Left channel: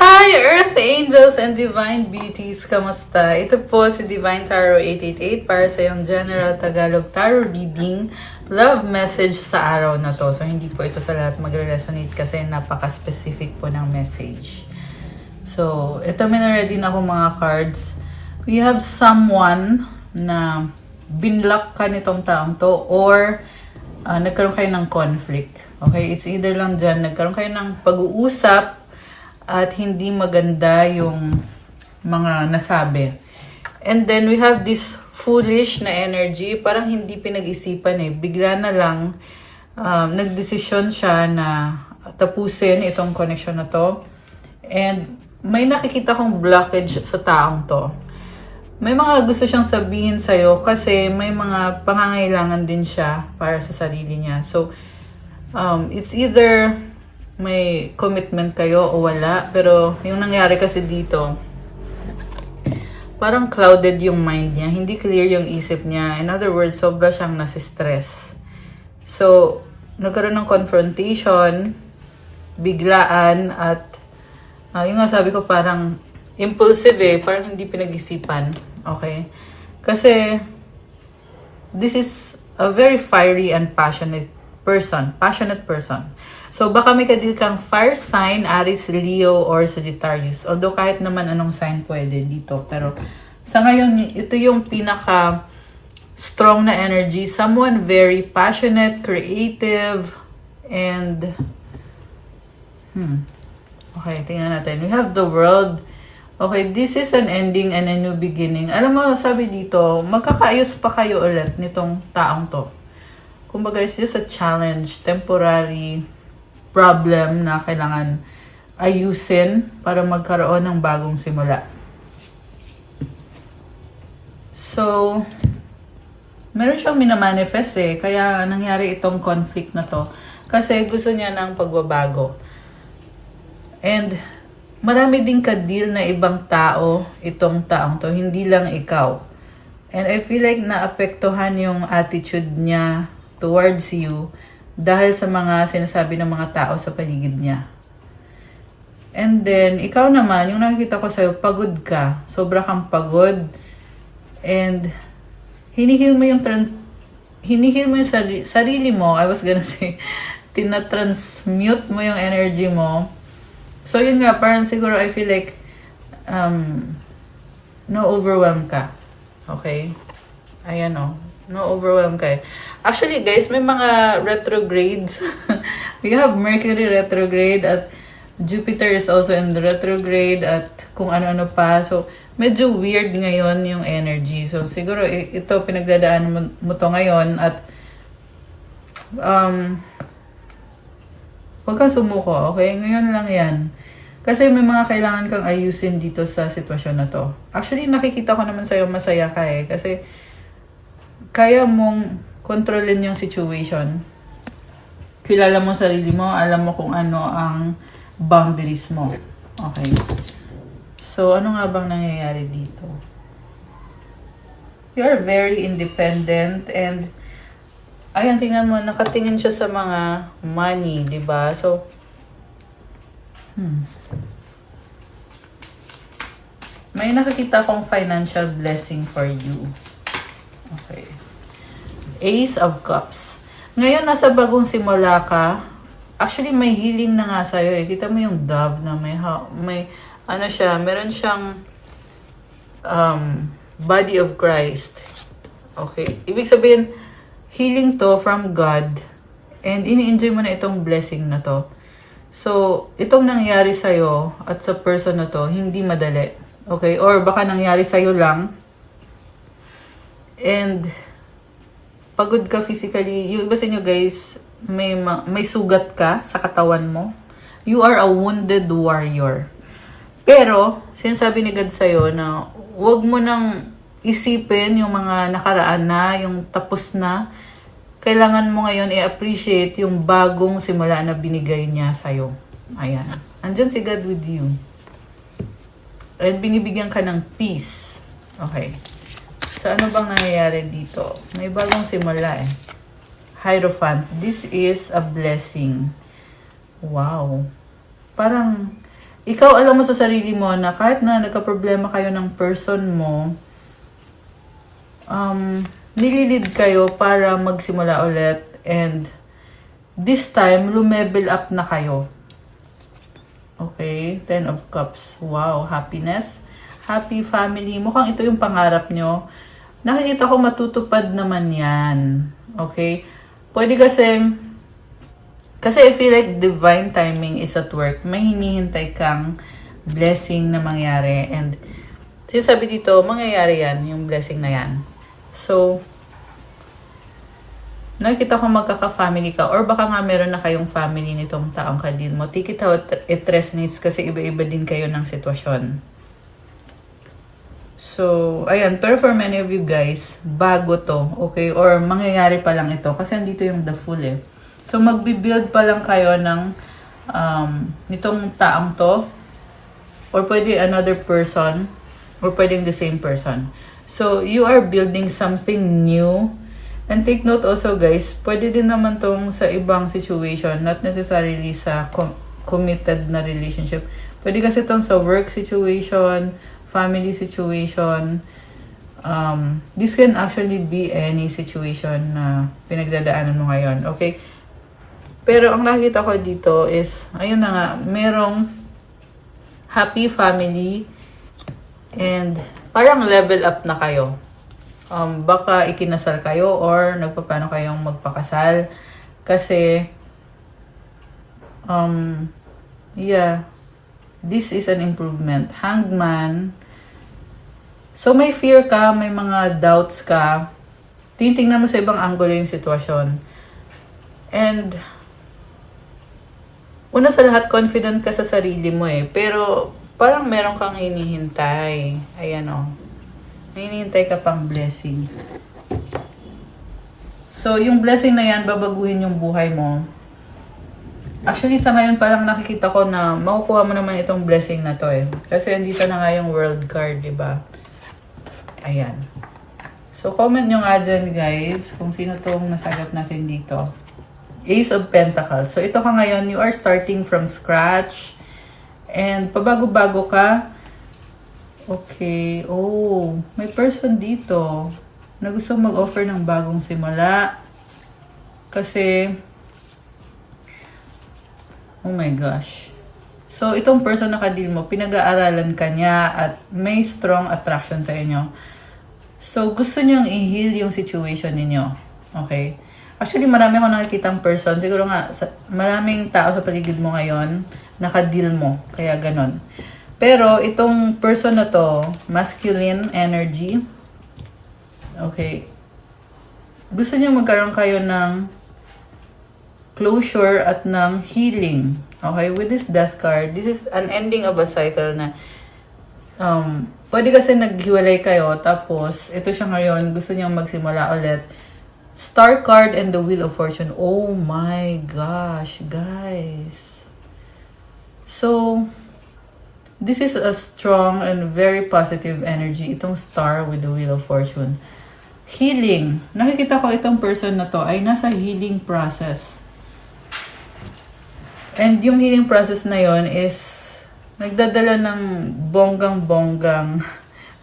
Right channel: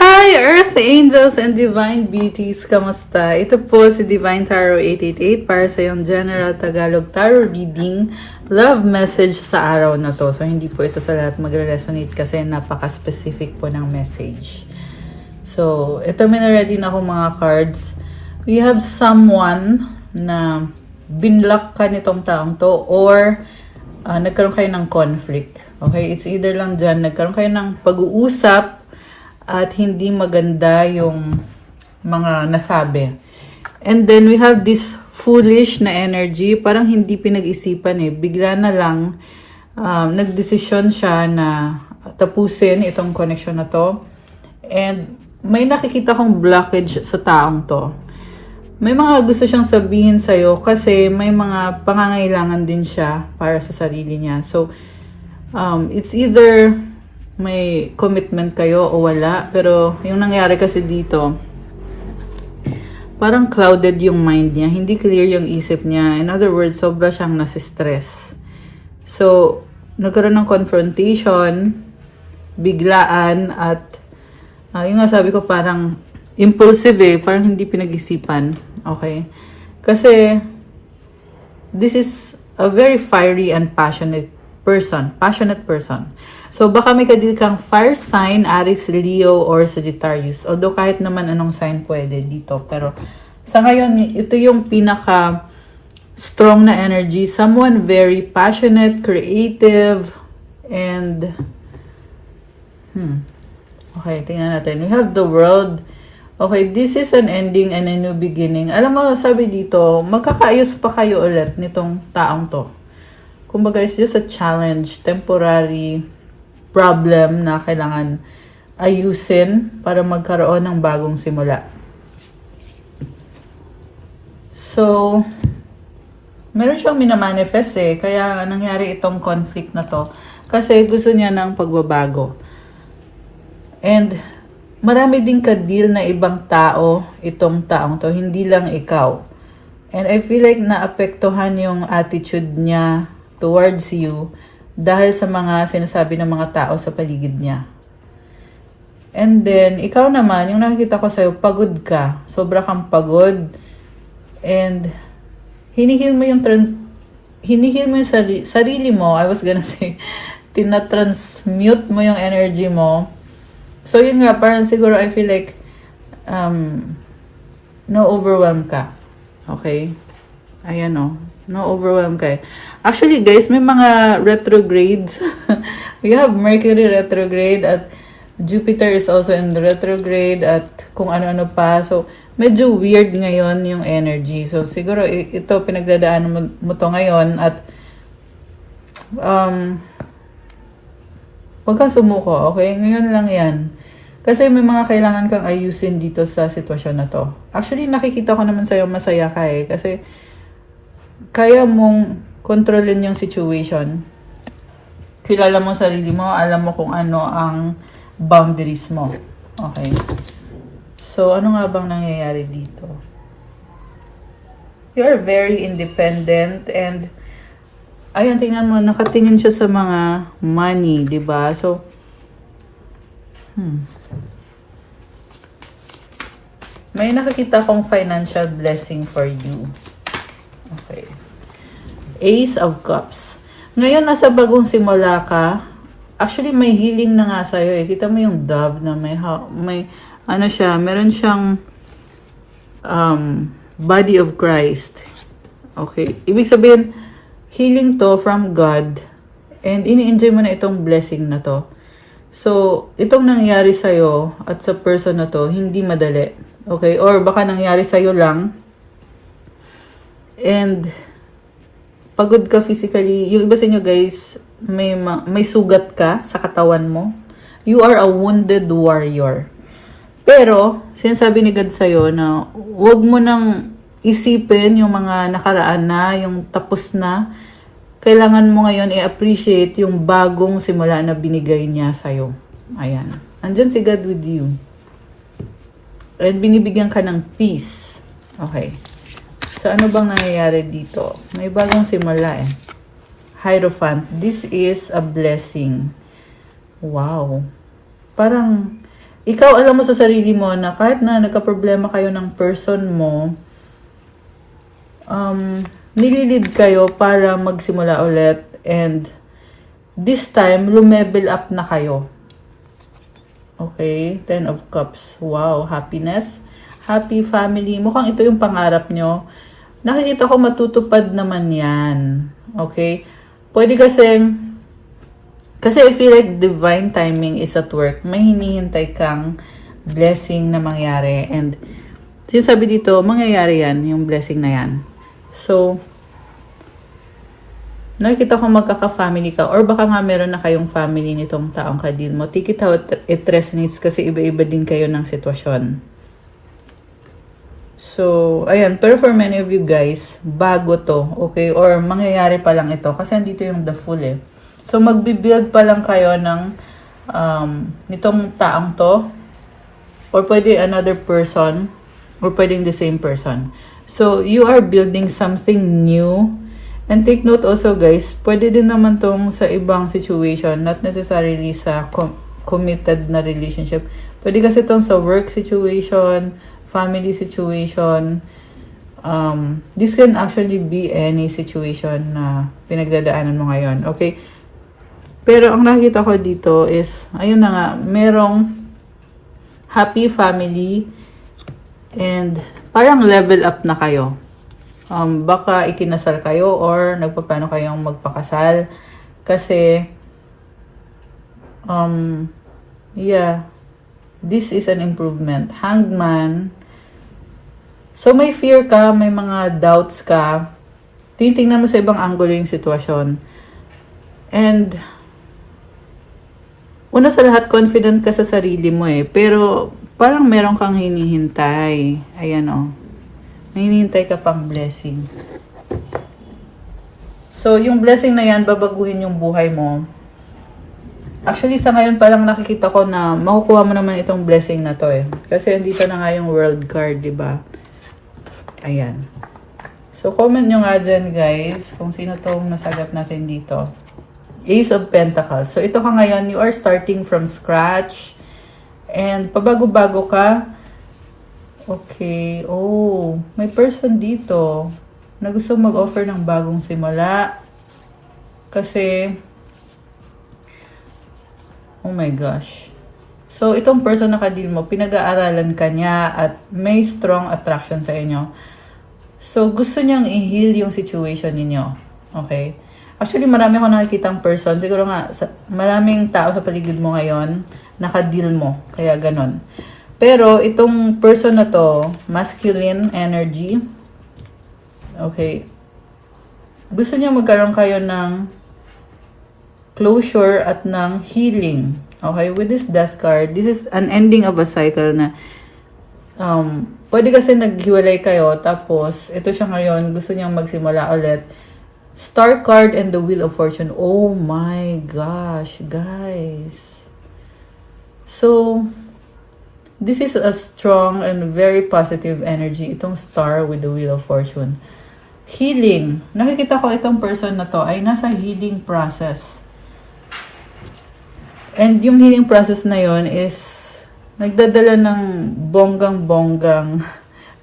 Hi, Earth Angels and Divine Beauties! Kamusta? Ito po si Divine Tarot 888 para sa yung General Tagalog Tarot Reading Love Message sa araw na to. So, hindi po ito sa lahat magre-resonate kasi napaka-specific po ng message. So, ito ready na ako mga cards. We have someone na binlock ka nitong taong to or nagkaroon kayo ng conflict. Okay? It's either lang dyan, nagkaroon kayo ng pag-uusap at hindi maganda yung mga nasabi. And then we have this foolish na energy, parang hindi pinag-isipan bigla na lang nagdesisyon siya na tapusin itong connection na to. And may nakikita kong blockage sa taong to. May mga gusto siyang sabihin sa'yo kasi may mga pangangailangan din siya para sa sarili niya. So, it's either may commitment kayo o wala. Pero yung nangyari kasi dito, parang clouded yung mind niya. Hindi clear yung isip niya. In other words, sobra siyang nasistress. So, nagkaroon ng confrontation, biglaan, at yung nga sabi ko parang impulsive parang hindi pinag-isipan. Okay? Kasi, this is a very fiery and passionate person. So, baka may kadil kang fire sign, Aries, Leo, or Sagittarius. Although, kahit naman anong sign pwede dito. Pero, sa ngayon, ito yung pinaka strong na energy. Someone very passionate, creative, and okay, tingnan natin. We have the world. Okay, this is an ending and a new beginning. Alam mo, sabi dito, magkakaayos pa kayo ulit nitong taong to. Kumbaga, it's just a challenge, temporary problem na kailangan ayusin para magkaroon ng bagong simula. So, meron siyang minamanifest kaya nangyari itong conflict na to. Kasi gusto niya ng pagbabago. And marami din ka-deal na ibang tao itong taong to, hindi lang ikaw. And I feel like naapektuhan yung attitude niya towards you dahil sa mga sinasabi ng mga tao sa paligid niya. And then, ikaw naman, yung nakikita ko sa'yo, pagod ka. Sobra kang pagod. And, hinihil mo yung sarili mo. I was gonna say, tinatransmute mo yung energy mo. So, yun nga, parang siguro I feel like, no-overwhelm ka. Okay? Ayan no-overwhelm ka Actually, guys, may mga retrogrades. We have Mercury retrograde at Jupiter is also in the retrograde at kung ano-ano pa. So, medyo weird ngayon yung energy. So, siguro ito pinagdadaanan mo to ngayon at huwag kang sumuko, okay? Ngayon lang yan. Kasi may mga kailangan kang ayusin dito sa sitwasyon na to. Actually, nakikita ko naman sa'yo masaya ka kasi kaya mong kontrolin yung situation. Kilala mo sarili mo, alam mo kung ano ang boundaries mo. Okay. So, ano nga bang nangyayari dito? You are very independent and ayan, tingnan mo, nakatingin siya sa mga money, di ba? So, may nakakita kong financial blessing for you. Okay. Ace of Cups. Ngayon, nasa bagong simula ka. Actually, may healing na nga sa'yo Kita mo yung dove na may ano siya, meron siyang body of Christ. Okay. Ibig sabihin, healing to from God. And ini-enjoy mo na itong blessing na to. So, itong nangyari sa'yo at sa person na to, hindi madali. Okay? Or baka nangyari sa'yo lang. And pagod ka physically. Yung iba sa inyo guys, may sugat ka sa katawan mo. You are a wounded warrior. Pero, sinasabi ni God sa'yo na huwag mo nang isipin yung mga nakaraan na, yung tapos na. Kailangan mo ngayon i-appreciate yung bagong simula na binigay niya sa'yo. Ayan. Andyan si God with you. And binibigyan ka ng peace. Okay. So, ano bang nangyayari dito? May bagong simula Hierophant. This is a blessing. Wow. Parang ikaw alam mo sa sarili mo na kahit na nagka-problema kayo ng person mo, nililid kayo para magsimula ulit, and this time, lumevel up na kayo. Okay, 10 of Cups. Wow, happiness. Happy family. Mukhang ito yung pangarap nyo. Nakikita ko matutupad naman yan. Okay? Pwede kasi I feel like divine timing is at work. May hinihintay kang blessing na mangyari. And sinasabi dito, mangyayari yan, yung blessing na yan. So, nakikita ko magkaka-family ka, or baka nga meron na kayong family nitong taong kadil mo. Take it how it resonates kasi iba-iba din kayo ng sitwasyon. So, ayan. Pero for many of you guys, bago to, okay? Or mangyayari pa lang ito kasi andito yung the Fool eh. So, magbibuild pa lang kayo ng nitong taong to, or pwede another person, or pwedeng the same person. So, you are building something new. And take note also guys, pwede din naman tong sa ibang situation, not necessarily sa committed na relationship. Pwede kasi tong sa work situation, family situation. This can actually be any situation na pinagdadaanan mo ngayon. Okay? Pero ang nakita ko dito is, ayun na nga, merong happy family and parang level up na kayo. Baka ikinasal kayo or nagpaplano kayong magpakasal. Kasi, yeah, this is an improvement. Hangman. So, may fear ka, may mga doubts ka. Titingnan mo sa ibang angulo yung sitwasyon. And, una sa lahat, confident ka sa sarili mo eh. Pero, parang meron kang hinihintay. Ayan o. May hinihintay ka pang blessing. So, yung blessing na yan, babaguhin yung buhay mo. Actually, sa ngayon palang nakikita ko na makukuha mo naman itong blessing na to eh. Kasi andito na nga yung world card, di ba? Ayan. So, comment nyo nga dyan guys kung sino tong nasagat natin dito. Ace of Pentacles. So, ito ka ngayon, you are starting from scratch. And, pabago-bago ka. Okay. Oh, may person dito na gusto mag-offer ng bagong simula. Kasi, oh my gosh. So, itong person na kadil mo, pinag-aaralan ka niya at may strong attraction sa inyo. So, gusto niyang i-heal yung situation ninyo. Okay? Actually, marami akong nakikitang person. Siguro nga, maraming tao sa paligid mo ngayon, nakadil mo. Kaya ganon. Pero, itong person na to, masculine energy. Okay. Gusto niya magkaroon kayo ng closure at ng healing. Okay? With this death card, this is an ending of a cycle na pwede kasi naghiwalay kayo, tapos, ito siya ngayon, gusto niyang magsimula ulit. Star card and the Wheel of Fortune. Oh my gosh, guys. So, this is a strong and very positive energy. Itong star with the Wheel of Fortune. Healing. Nakikita ko itong person na to ay nasa healing process. And yung healing process na yon is nagdadala ng bonggang-bonggang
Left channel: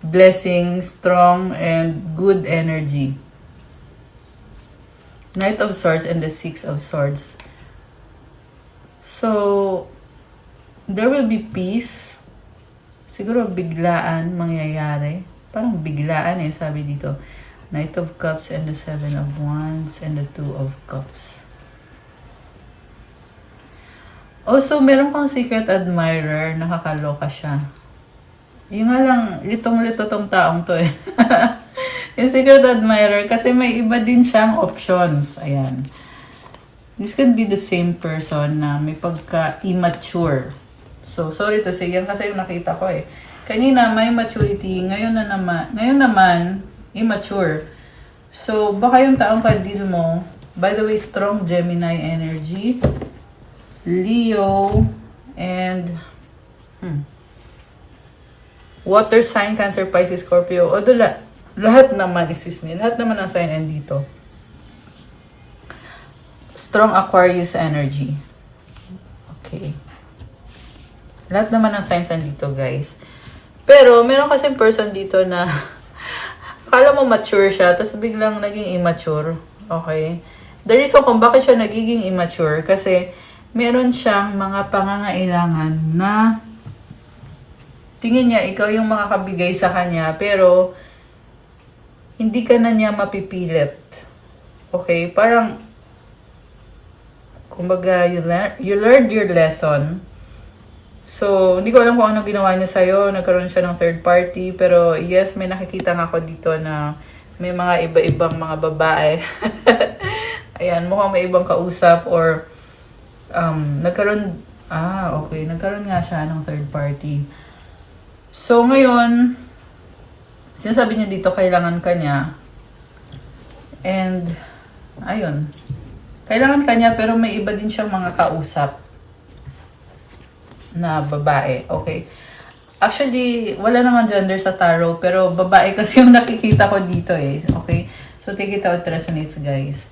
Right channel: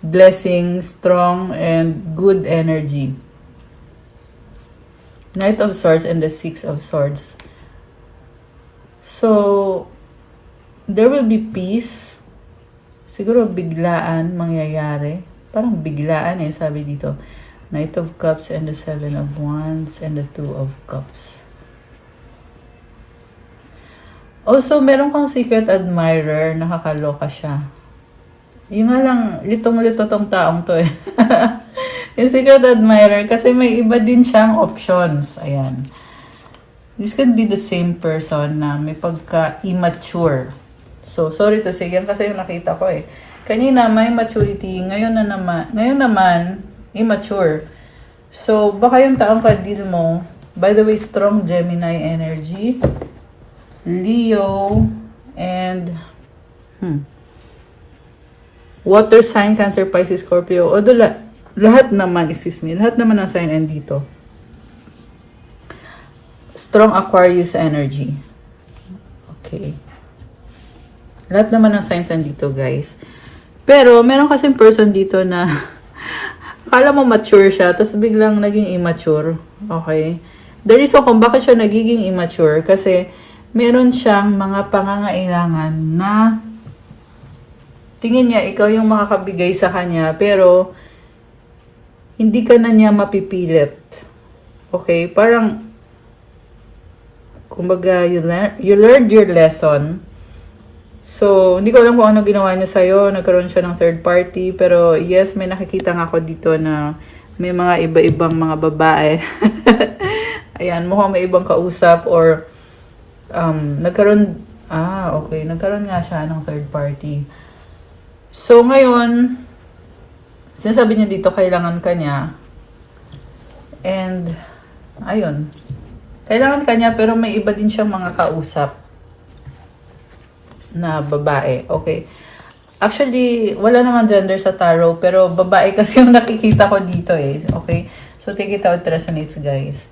blessing, strong and good energy. Knight of Swords and the Six of Swords. So, there will be peace. Siguro biglaan mangyayari. Parang biglaan eh, sabi dito. Knight of Cups and the Seven of Wands and the Two of Cups. Also, meron kang secret admirer, nakakaloka siya. Yung nga lang, litong-lito tong taong to eh. Yung secret admirer, kasi may iba din siyang options. Ayan. This could be the same person na may pagka-immature. So, sorry to say, yan kasi yung nakita ko eh. Kanina may maturity, ngayon naman, immature. So, baka yung taong kadil mo, by the way, strong Gemini energy, Leo, and water sign, Cancer, Pisces, Scorpio. Although lahat naman, lahat naman ang sign dito. Strong Aquarius energy. Okay. Lahat naman ng signs nandito, guys. Pero, meron kasing person dito na akala mo mature siya, tapos biglang naging immature. Okay? The reason kung bakit siya nagiging immature, kasi meron siyang mga pangangailangan na tingin niya ikaw yung makakabigay sa kanya, pero hindi ka na niya mapipilit. Okay? Parang, kumbaga, you learned your lesson. So, hindi ko alam kung ano ginawa niya sa'yo. Nagkaroon siya ng third party. Pero, yes, may nakikita nga ako dito na may mga iba-ibang mga babae. Ayan, mukhang may ibang kausap or nagkaroon, okay. Nagkaroon nga siya ng third party. So, ngayon, sinasabi niya dito, kailangan ka niya. And, ayun. Kailangan ka niya, pero may iba din siyang mga kausap na babae. Okay. Actually, wala naman gender sa tarot, pero babae kasi yung nakikita ko dito eh. Okay. So, take it out, it resonates, guys.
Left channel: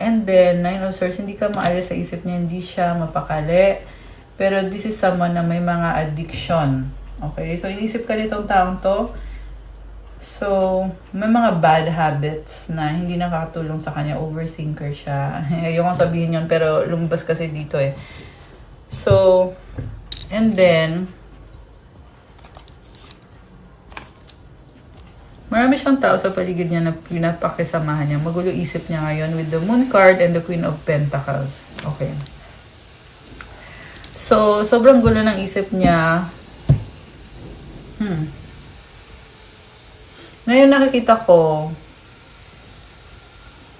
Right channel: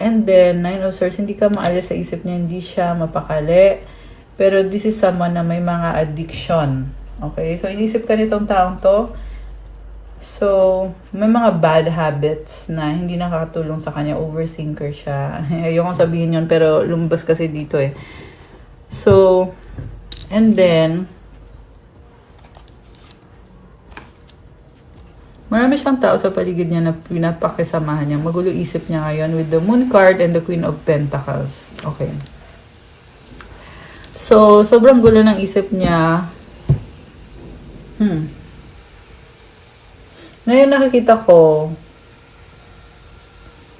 And then, Nine of Swords, hindi ka maalis sa isip niya, hindi siya mapakali. Pero this is someone na may mga addiction. Okay. So, inisip ka nitong taong to. So, may mga bad habits na hindi nakakatulong sa kanya. Overthinker siya. Ayoko sabihin yun, pero lumabas kasi dito eh. So, and then, marami siyang tao sa paligid niya na pinapakisamahan niya. Magulo isip niya ngayon with the Moon card and the Queen of Pentacles. Okay. So, sobrang gulo ng isip niya. Ngayon nakikita ko,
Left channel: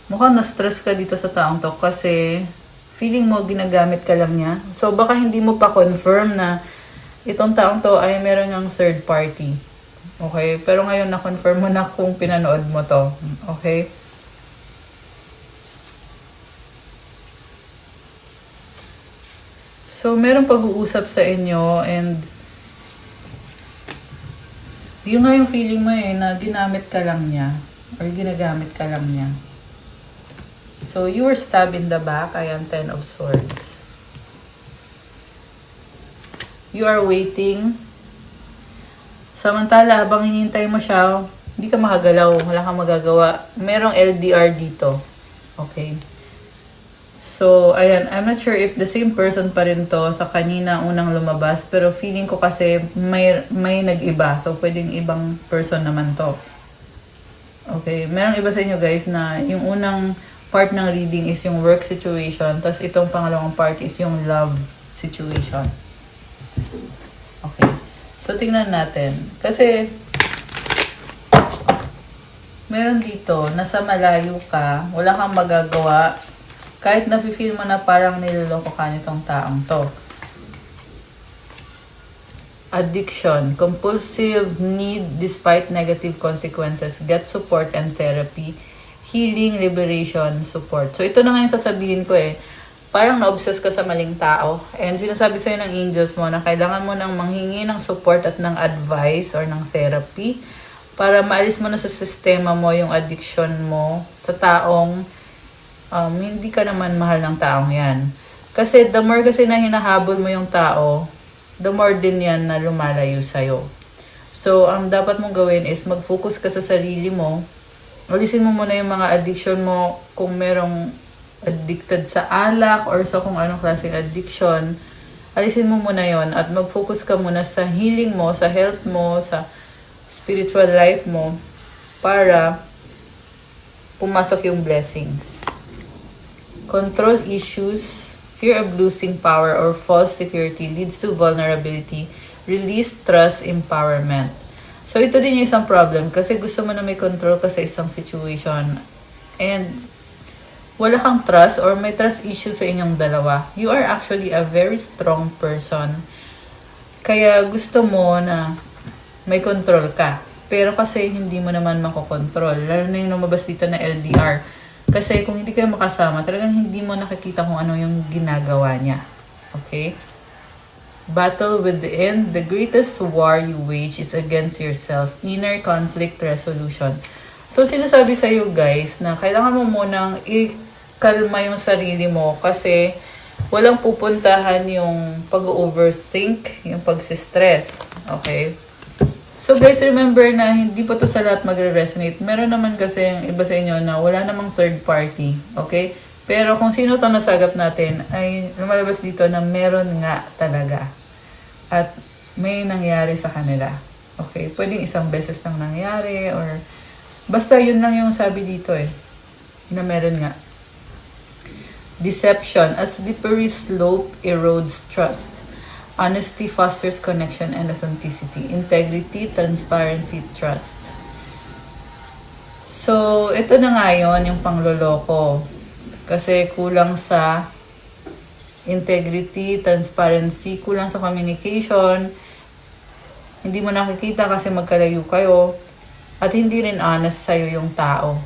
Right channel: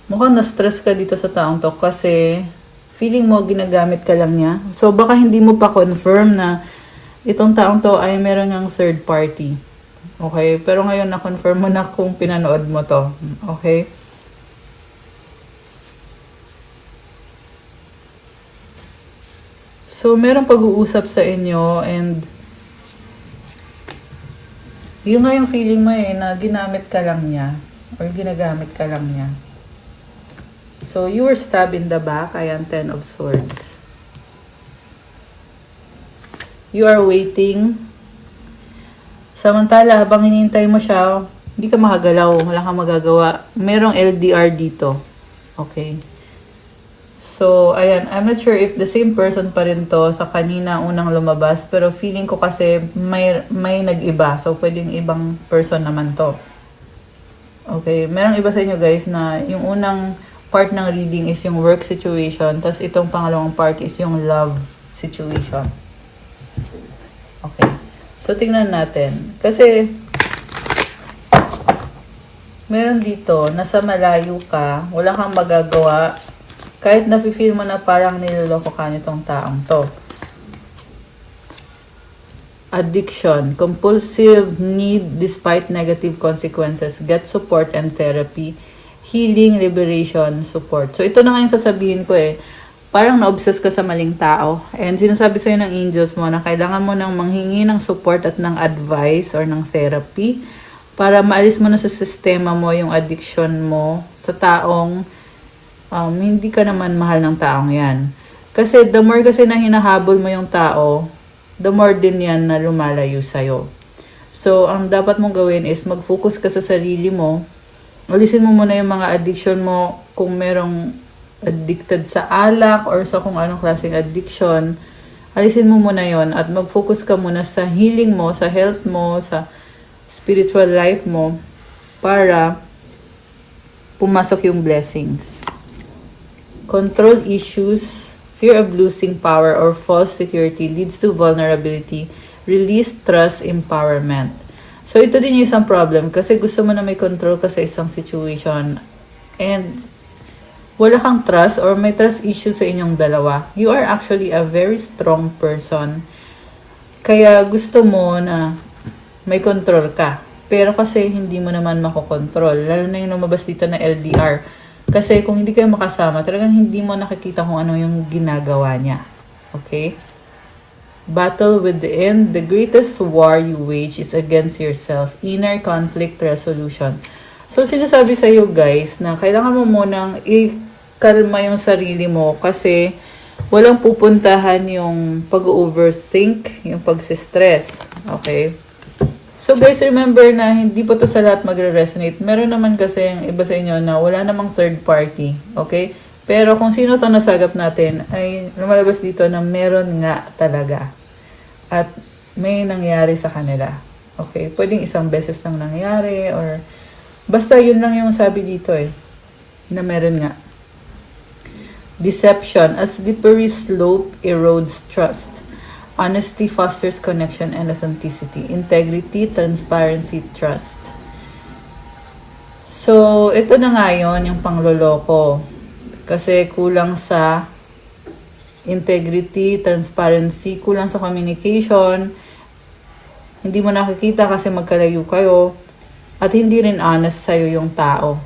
mukhang na-stress ka dito sa taong to kasi feeling mo ginagamit ka lang niya. So, baka hindi mo pa confirm na itong taong to ay meron ng third party. Okay? Pero ngayon na-confirm mo na kung pinanood mo to. Okay? So, merong pag-uusap sa inyo and yun nga yung feeling mo eh, na ginamit ka lang niya or ginagamit ka lang niya. So, you were stabbed in the back. Ayan, Ten of Swords. You are waiting. Samantala, habang hinihintay mo siya, hindi ka makagalaw. Wala kang magagawa. Merong LDR dito. Okay. So, ayan. I'm not sure if the same person pa rin to sa kanina unang lumabas. Pero feeling ko kasi may nag-iba. So, pwedeng ibang person naman to. Okay. Merong iba sa inyo guys na yung unang part ng reading is yung work situation. Tapos itong pangalawang part is yung love situation. Okay. So, tingnan natin. Kasi, meron dito, nasa malayo ka, wala kang magagawa, kahit nafe-feel mo na parang niloloko ka nitong taong to. Addiction, compulsive need despite negative consequences, get support and therapy, healing, liberation, support. So, ito na nga yung sasabihin ko eh. Parang na-obsess ka sa maling tao. And sinasabi sa'yo ng angels mo na kailangan mo nang manghingi ng support at ng advice or ng therapy para maalis mo na sa sistema mo yung addiction mo sa taong hindi ka naman mahal ng taong yan. Kasi the more kasi na hinahabol mo yung tao, the more din yan na lumalayo sa'yo. So, ang dapat mong gawin is mag-focus ka sa sarili mo. Alisin mo muna yung mga addiction mo kung merong addicted sa alak or sa kung anong klaseng addiction. Alisin mo muna yon at mag-focus ka muna sa healing mo, sa health mo, sa spiritual life mo para pumasok yung blessings. Control issues, fear of losing power or false security leads to vulnerability, release, trust, empowerment. So, ito din yung isang problem kasi gusto mo na may control ka sa isang situation and wala kang trust or may trust issues sa inyong dalawa. You are actually a very strong person. Kaya gusto mo na may control ka. Pero kasi hindi mo naman makokontrol. Lalo na yung lumabas dito na LDR. Kasi kung hindi kayo makasama, talagang hindi mo nakikita kung ano yung ginagawa niya. Okay? Battle with the end. The greatest war you wage is against yourself. Inner conflict resolution. So, sinasabi sa'yo guys na kailangan mo munang i-kalma yung sarili mo kasi walang pupuntahan yung pag-overthink, yung pag-stress. Okay? So guys, remember na hindi po to sa lahat magre-resonate. Meron naman kasi yung iba sa inyo na wala namang third party. Okay? Pero kung sino to nasagap natin, ay lumalabas dito na meron nga talaga. At may nangyari sa kanila. Okay? Pwedeng isang beses lang nangyari or basta yun lang yung sabi dito na meron nga. Deception. A slippery slope erodes trust. Honesty fosters connection and authenticity. Integrity, transparency, trust. So, ito na nga yun, yung pangloloko. Kasi kulang sa integrity, transparency, kulang sa communication. Hindi mo nakikita kasi magkalayo kayo. At hindi rin honest sa'yo yung tao.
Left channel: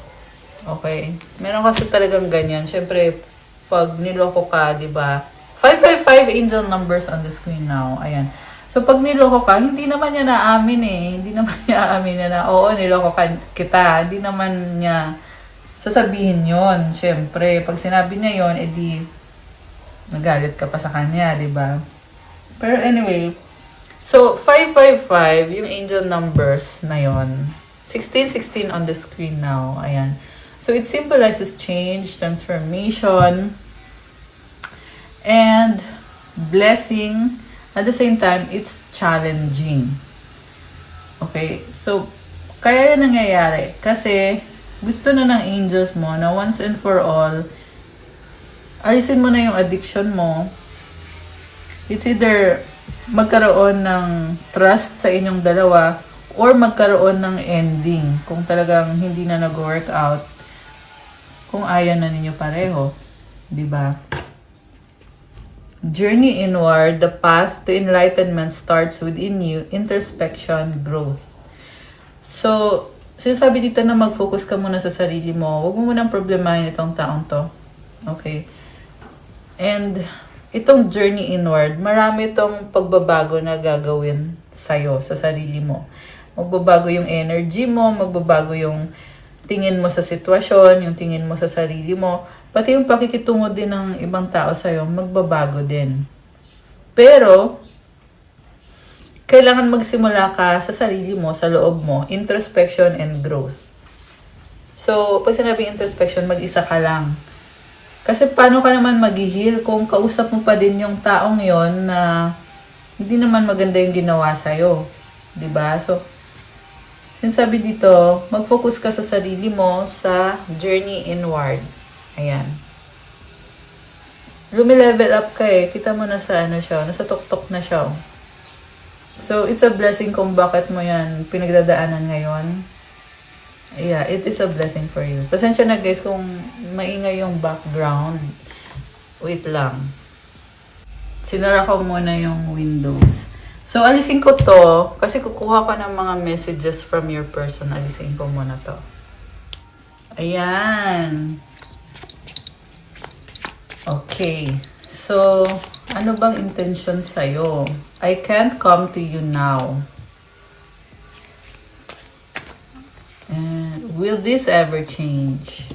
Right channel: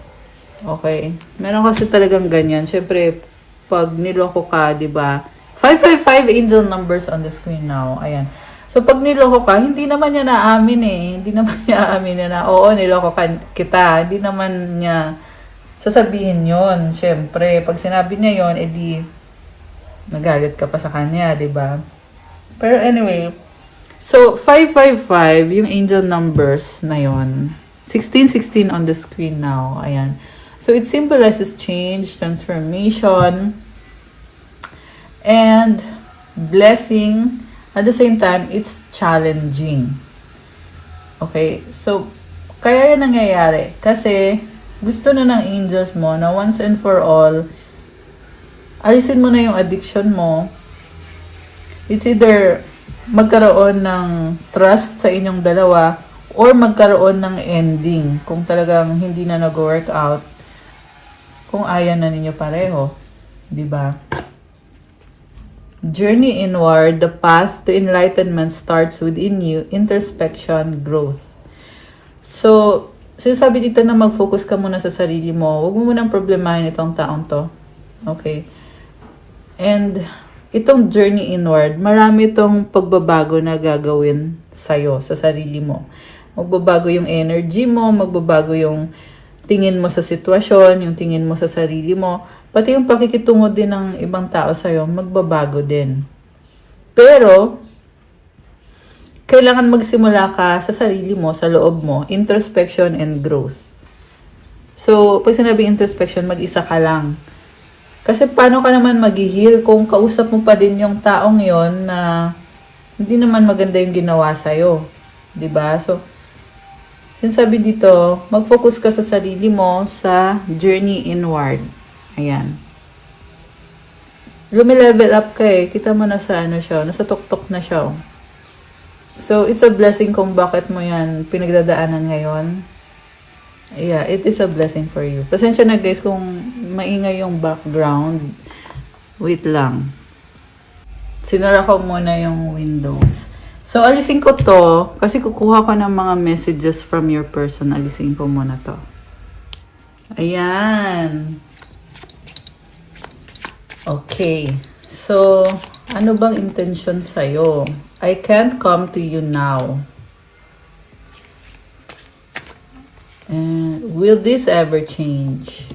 Okay? Meron kasi talagang ganyan. Siyempre, pag niloko ka, di ba? 555 angel numbers on the screen now. Ayan. So, pag niloko ka, hindi naman niya naamin Hindi naman niya aamin na, oo, niloko ka kita. Hindi naman niya sasabihin yon. Siyempre, pag sinabi niya yon, edi nagalit ka pa sa kanya, di ba? Pero anyway, so, 555, yung angel numbers na yon. 1616 on the screen now. Ayan. So, it symbolizes change, transformation, and blessing. At the same time, it's challenging. Okay? So, kaya yan nangyayari. Kasi, gusto na ng angels mo na once and for all, alisin mo na yung addiction mo. It's either magkaroon ng trust sa inyong dalawa or magkaroon ng ending. Kung talagang hindi na nag-work out, kung ayaw na ninyo pareho. Diba? Journey inward, the path to enlightenment starts within you, introspection, growth. So, sinasabi dito na mag-focus ka muna sa sarili mo. Huwag mo munang problemahin itong taong to. Okay? And, itong journey inward, marami itong pagbabago na gagawin sa'yo, sa sarili mo. Magbabago yung energy mo, magbabago yung tingin mo sa sitwasyon, yung tingin mo sa sarili mo. Pati yung pakikitungo din ng ibang tao sa'yo, magbabago din. Pero, kailangan magsimula ka sa sarili mo, sa loob mo, introspection and growth. So, pag sinabing introspection, mag-isa ka lang. Kasi paano ka naman mag-heal kung kausap mo pa din yung taong yon na hindi naman maganda yung ginawa sa'yo. Diba? So, sinasabi dito, mag-focus ka sa sarili mo sa journey inward. Ayan. Lumilevel up ka Kita mo na sa ano siya, nasa tuktok na siya. So, it's a blessing kung bakit mo yan pinagdadaanan ngayon. Yeah, it is a blessing for you. Pasensya na guys kung maingay yung background. Wait lang. Sinara ko muna yung windows. So, alisin ko to kasi kukuha ko ng mga messages from your person. Alisin ko muna to. Ayan. Okay. So, ano bang intention sa'yo? I can't come to you now. And will this ever change?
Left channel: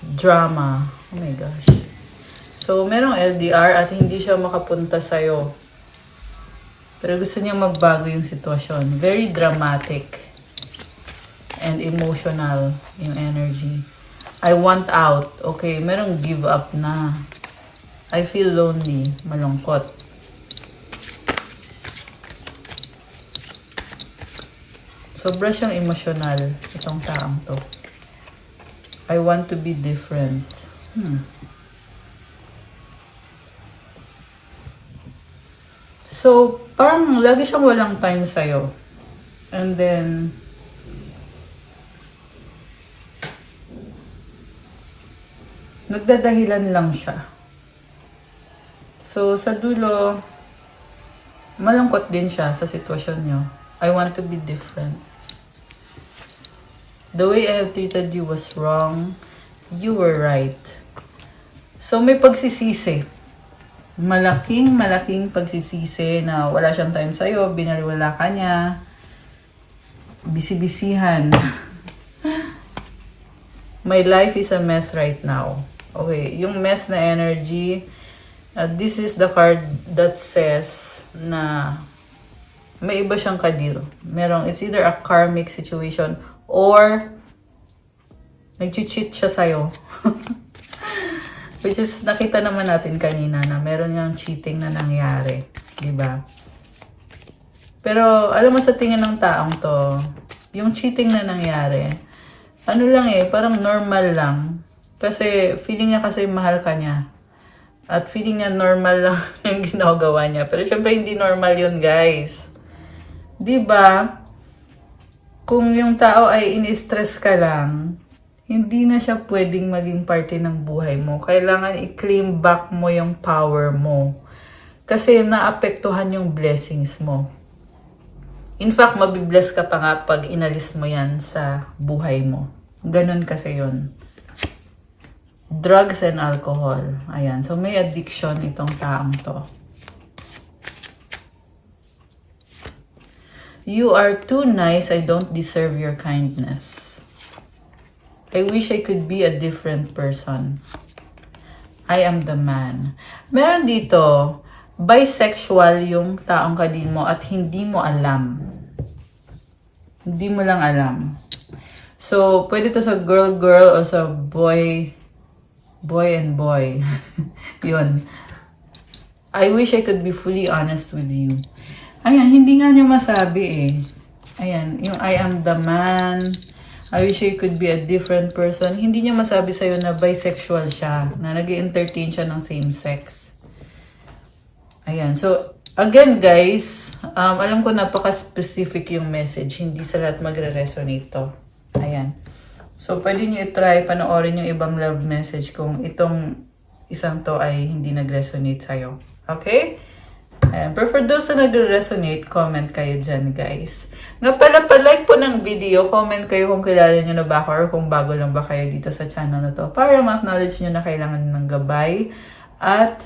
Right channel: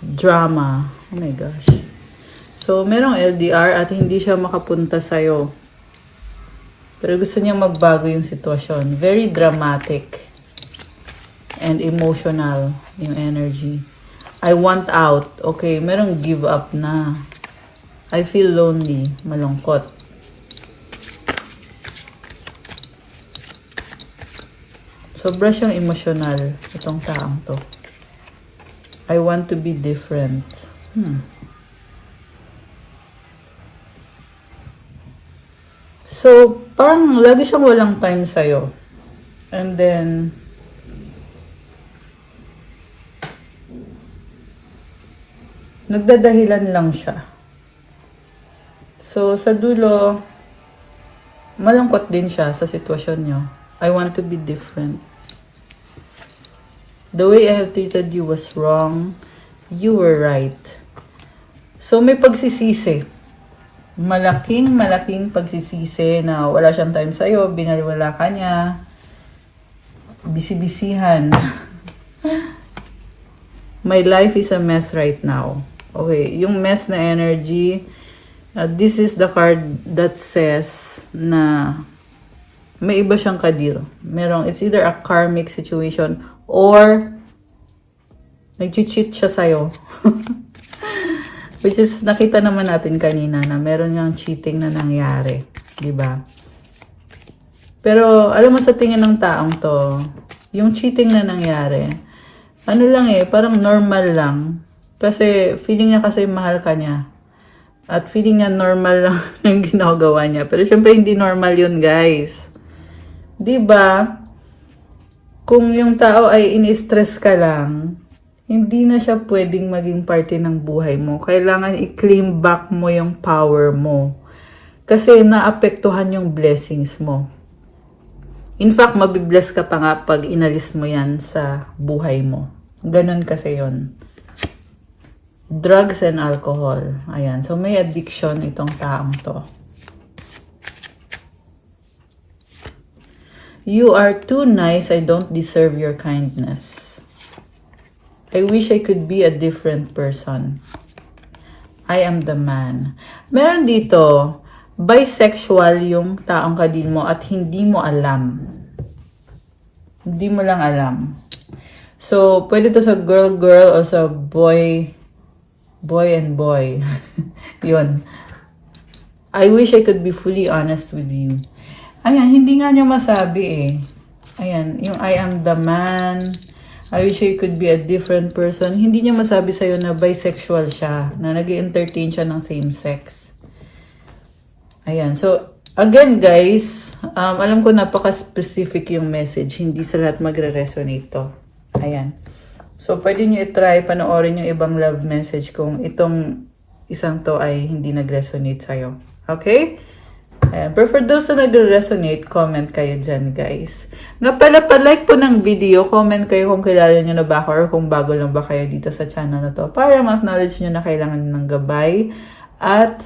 Drama. Oh my gosh. So, merong LDR at hindi siya makapunta sa'yo. Pero gusto niyang magbago yung sitwasyon. Very dramatic and emotional yung energy. I want out. Okay, merong give up na. I feel lonely. Malungkot. Sobra siyang emotional. Itong taong to. I want to be different. So, parang lagi siyang walang time sa'yo. And then, nagdadahilan lang siya. So, sa dulo, malungkot din siya sa sitwasyon niyo. I want to be different. The way I have treated you was wrong. You were right. So, may pagsisisi. Malaking pagsisisi na wala siyang time sa'yo, binaliwala ka niya, bisibisihan. My life is a mess right now. Okay, yung mess na energy, this is the card that says na may iba siyang kadil. It's either a karmic situation or nag-cheat siya sa'yo. Which is, nakita naman natin kanina na meron yung cheating na nangyari. Diba? Pero, alam mo sa tingin ng taong to, yung cheating na nangyari, ano lang parang normal lang. Kasi feeling niya kasi mahal ka niya. At feeling niya normal lang yung ginagawa niya. Pero syempre hindi normal yun, guys. 'Di ba? Kung yung tao ay in-stress ka lang, hindi na siya pwedeng maging parte ng buhay mo. Kailangan i-claim back mo yung power mo. Kasi naapektuhan yung blessings mo. In fact, mabibless ka pa nga pag inalis mo yan sa buhay mo. Ganon kasi yun. Drugs and alcohol. Ayan. So, may addiction itong taong to. You are too nice. I don't deserve your kindness. I wish I could be a different person. I am the man. Meron dito, bisexual yung taong kadil mo at hindi mo alam. Hindi mo lang alam. So, pwede to sa girl-girl o sa boy and boy. Yun. I wish I could be fully honest with you. Ayan, hindi nga niya masabi Ayan, yung I am the man. I wish I could be a different person. Hindi niya masabi sa'yo na bisexual siya. Na nag-entertain siya ng same sex. Ayan, so, again guys, alam ko napaka-specific yung message. Hindi sa lahat magre-resonate to. Ayan. So, pwede nyo i-try panoorin yung ibang love message kung itong isang to ay hindi nag-resonate sa'yo. Okay? Pero for those na nag-resonate, comment kayo dyan, guys. Nga pala, pa-like po ng video, comment kayo kung kilala nyo na ba ako or kung bago lang ba kayo dito sa channel na to para ma-acknowledge nyo na kailangan ng gabay at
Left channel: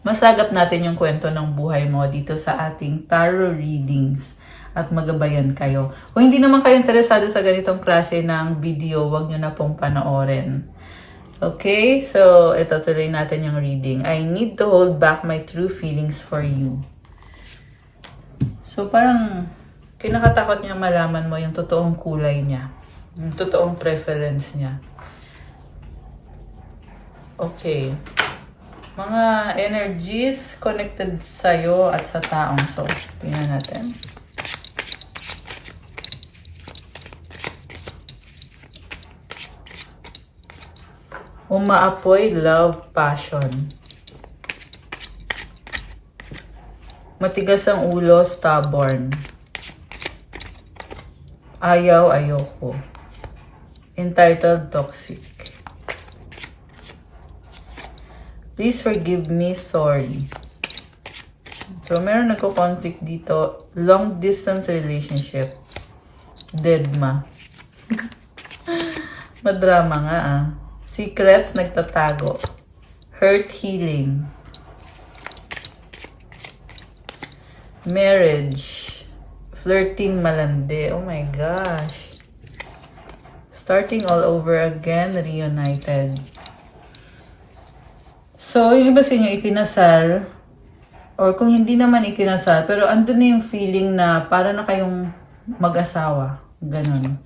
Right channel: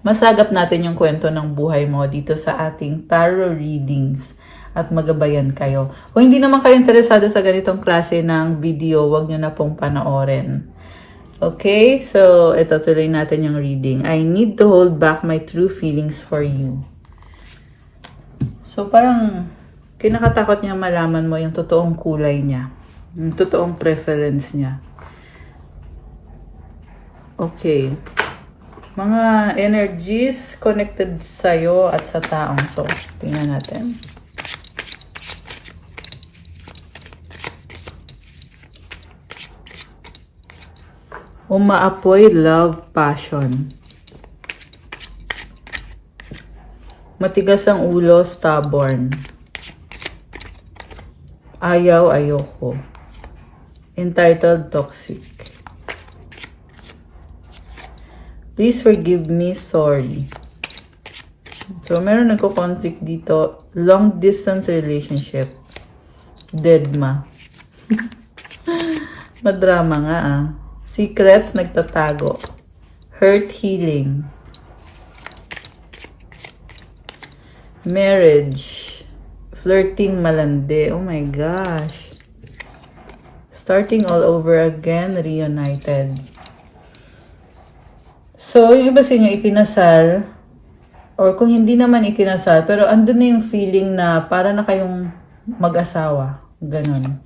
masagap natin yung kwento ng buhay mo dito sa ating tarot readings. At magabayan kayo. Kung hindi naman kayo interesado sa ganitong klase ng video, wag nyo na pong panoorin. Okay? So, ito tuloy natin yung reading. I need to hold back my true feelings for you. So, parang kinakatakot niya malaman mo yung totoong kulay niya. Yung totoong preference niya. Okay. Mga energies connected sa'yo at sa taong to. Tingnan natin. Umaapoy, love, passion. Matigas ang ulo, stubborn. Ayaw, ayoko. Entitled, toxic. Please forgive me, sorry. So, meron nagko-conflict dito. Long distance relationship. Deadma. Madrama nga Secrets, nagtatago. Hurt, healing. Marriage. Flirting, malandi. Oh my gosh. Starting all over again, reunited. So, yung iba sa inyo ikinasal, or kung hindi naman ikinasal, pero andun na yung feeling na para na kayong mag-asawa. Ganun.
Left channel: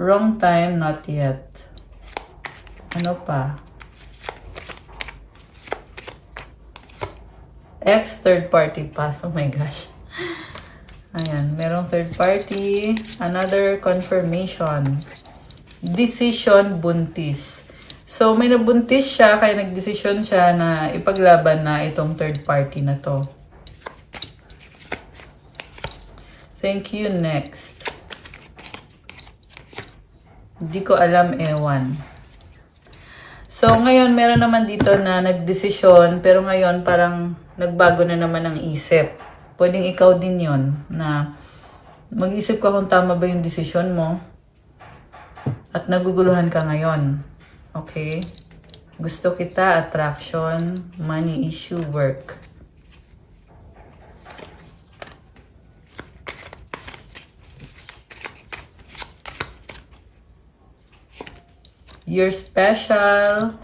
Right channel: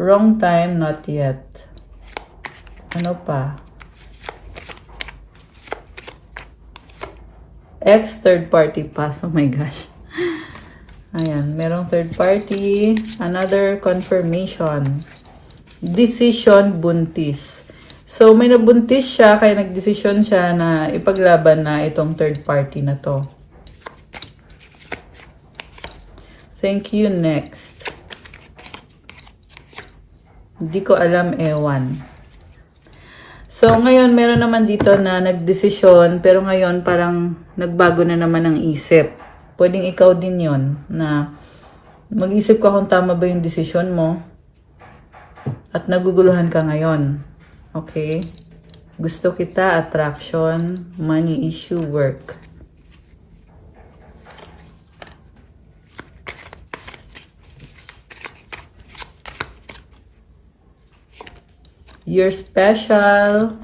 Wrong time, not yet. Ano pa? Ex, third party pass. Oh my gosh. Ayan, merong third party. Another confirmation. Decision, buntis. So, may nabuntis siya, kaya nagdesisyon siya na ipaglaban na itong third party na to. Thank you, next. Hindi ko alam, ewan. So, ngayon, meron naman dito na nagdesisyon, pero ngayon parang nagbago na naman ang isip. Pwedeng ikaw din yon na mag-isip ka kung tama ba yung desisyon mo at naguguluhan ka ngayon. Okay? Gusto kita, attraction, money issue, work. You're special.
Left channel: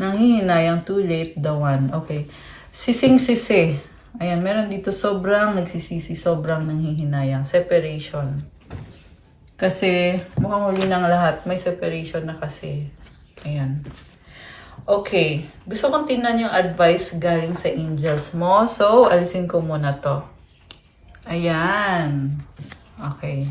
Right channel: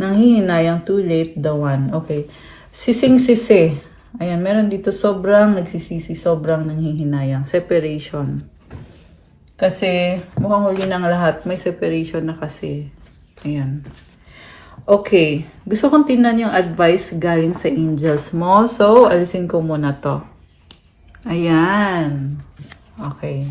Nanghihinayang, too late, the one. Okay. Sising-sisi. Ayan, meron dito sobrang nagsisisi, sobrang nanghihinayang. Separation. Kasi, mukhang huli ng lahat, may separation na kasi. Ayan. Okay. Gusto kong tingnan yung advice galing sa angels mo. So, alisin ko muna to. Ayan. Okay.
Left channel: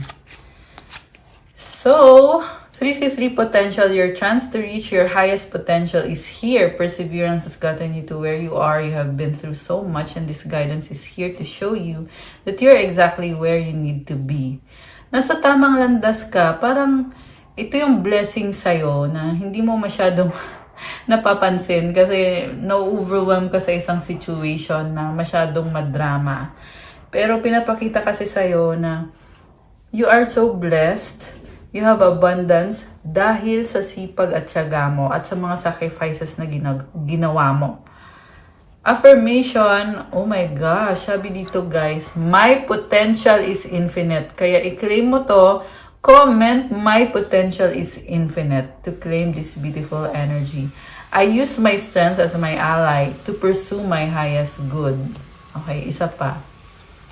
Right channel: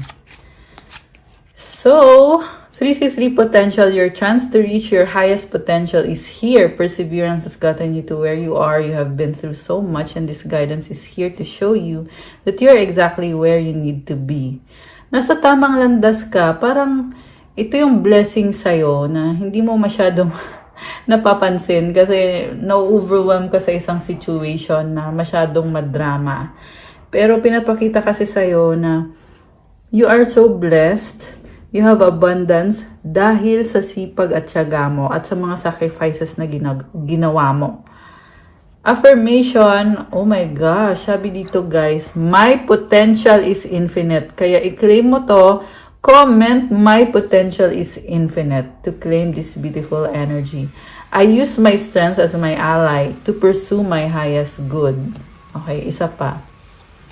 So, 363 potential, your chance to reach your highest potential is here. Perseverance has gotten you to where you are. You have been through so much and this guidance is here to show you that you're exactly where you need to be. Nasa tamang landas ka, parang ito yung blessing sa'yo na hindi mo masyadong napapansin kasi na-overwhelm ka sa isang situation na masyadong madrama. Pero pinapakita kasi sa'yo na you are so blessed. You have abundance dahil sa sipag at tiyaga mo at sa mga sacrifices na ginawa mo. Affirmation, oh my gosh, sabi dito guys, my potential is infinite. Kaya i-claim mo to, comment, my potential is infinite to claim this beautiful energy. I use my strength as my ally to pursue my highest good. Okay, isa pa.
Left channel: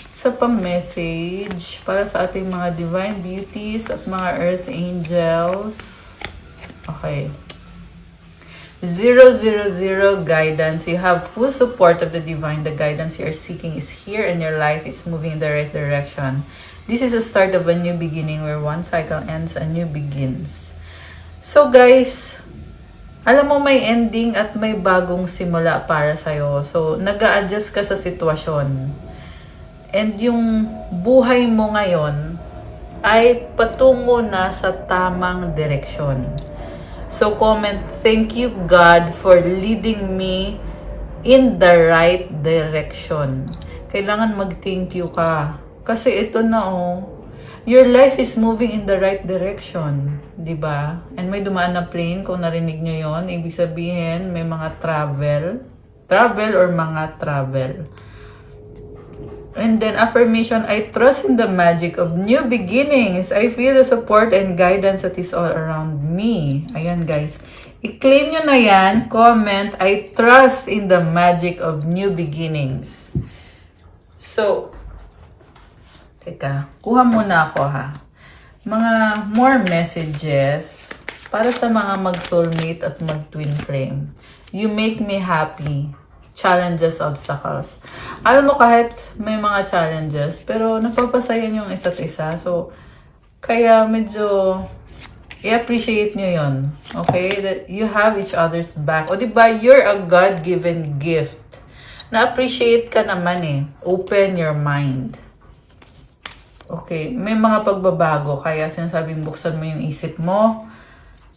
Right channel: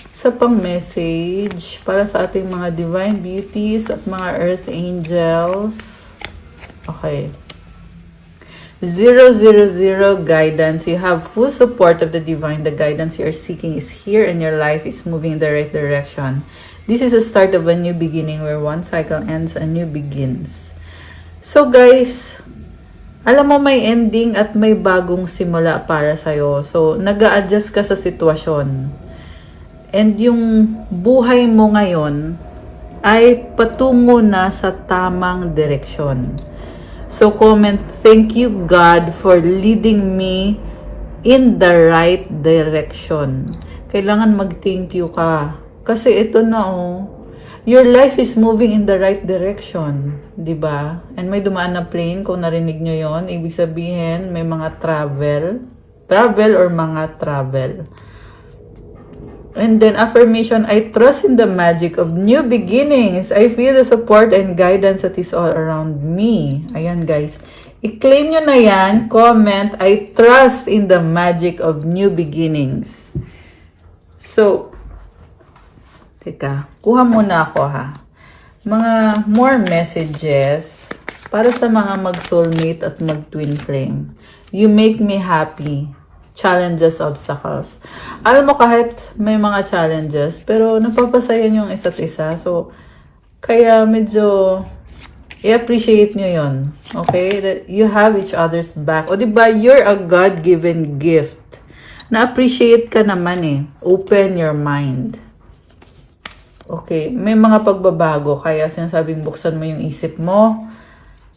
Isa pang message para sa ating mga divine beauties at mga earth angels. Okay. 000 guidance. You have full support of the divine. The guidance you are seeking is here and your life is moving in the right direction. This is the start of a new beginning where one cycle ends, a new begins. So guys, alam mo may ending at may bagong simula para sa'yo. So, nag-a-adjust ka sa sitwasyon. And yung buhay mo ngayon ay patungo na sa tamang direksyon. So comment, thank you God for leading me in the right direction. Kailangan mag-thank you ka. Kasi ito na your life is moving in the right direction. Diba? And may dumaan na plane, kung narinig nyo yon, ibig sabihin may mga travel or mga travel. And then affirmation, I trust in the magic of new beginnings. I feel the support and guidance that is all around me. Ayan guys. I-claim nyo na yan. Comment, I trust in the magic of new beginnings. So, teka. Kuha muna ako ha. Mga more messages para sa mga mag-soulmate at mag-twin flame. You make me happy. Challenges, obstacles. Alam mo, kahit may mga challenges, pero nagpapasaya yung isa't isa. So, kaya medyo i-appreciate nyo yon. Okay? That you have each other's back. O diba, you're a God-given gift. Na-appreciate ka naman eh. Open your mind. Okay? May mga pagbabago. Kaya sinasabing buksan mo yung isip mo.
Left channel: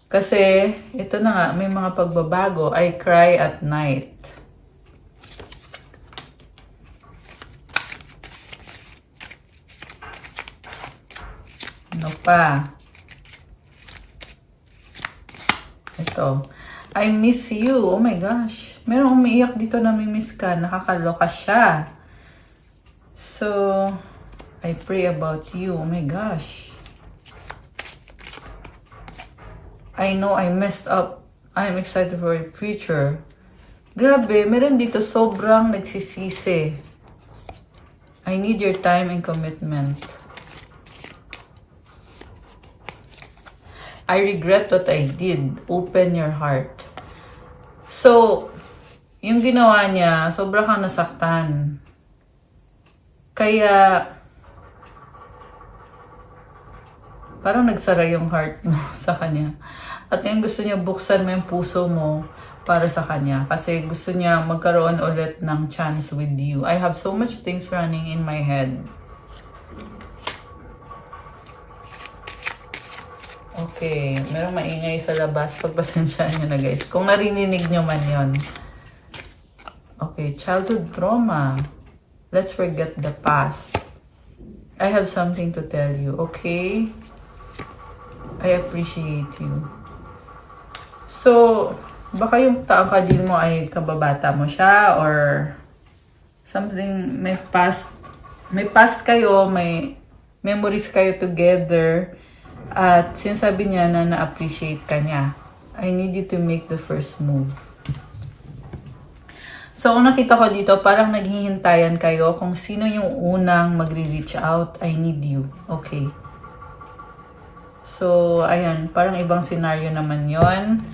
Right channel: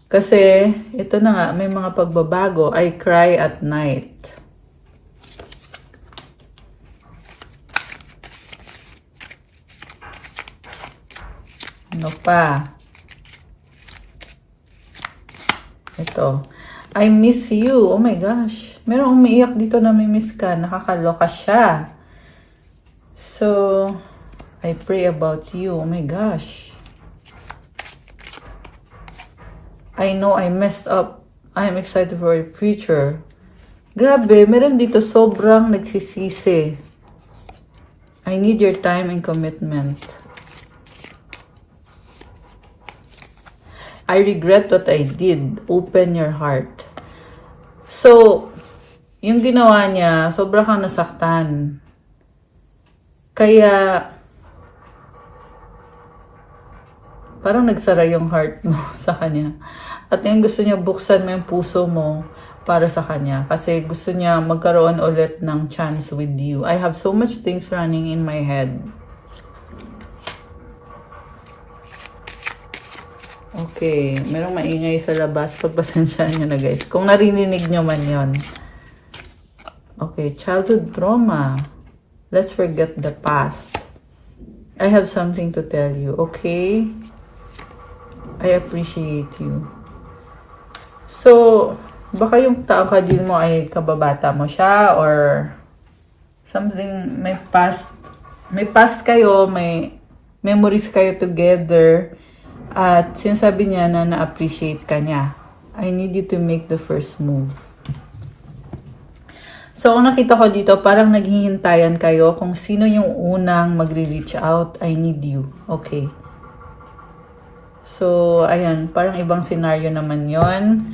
Kasi, ito na nga, may mga pagbabago. I cry at night. Ano pa? Ito. I miss you. Oh my gosh. Merong umiiyak dito na may miss ka. Nakakaloka siya. So, I pray about you. Oh my gosh. I know I messed up. I am excited for your future. Grabe, meron dito sobrang nagsisisi. I need your time and commitment. I regret what I did. Open your heart. So, yung ginawa niya, sobra kang nasaktan. Kaya, parang nagsara yung heart mo sa kanya. At yung gusto niya, buksan mo yung puso mo para sa kanya. Kasi gusto niya magkaroon ulit ng chance with you. I have so much things running in my head. Okay, merong maingay sa labas. Pagpasensyahan nyo na guys. Kung narinig nyo man yon. Okay, childhood trauma. Let's forget the past. I have something to tell you, okay? I appreciate you. So, baka yung taong ka-deal mo ay kababata mo siya or something, may past kayo, may memories kayo together. At sinasabi niya na na-appreciate ka niya. I need you to make the first move. So, ang nakita ko dito, parang naghihintayan kayo kung sino yung unang magre-reach out. I need you. Okay. So, ayan. Parang ibang scenario naman yon.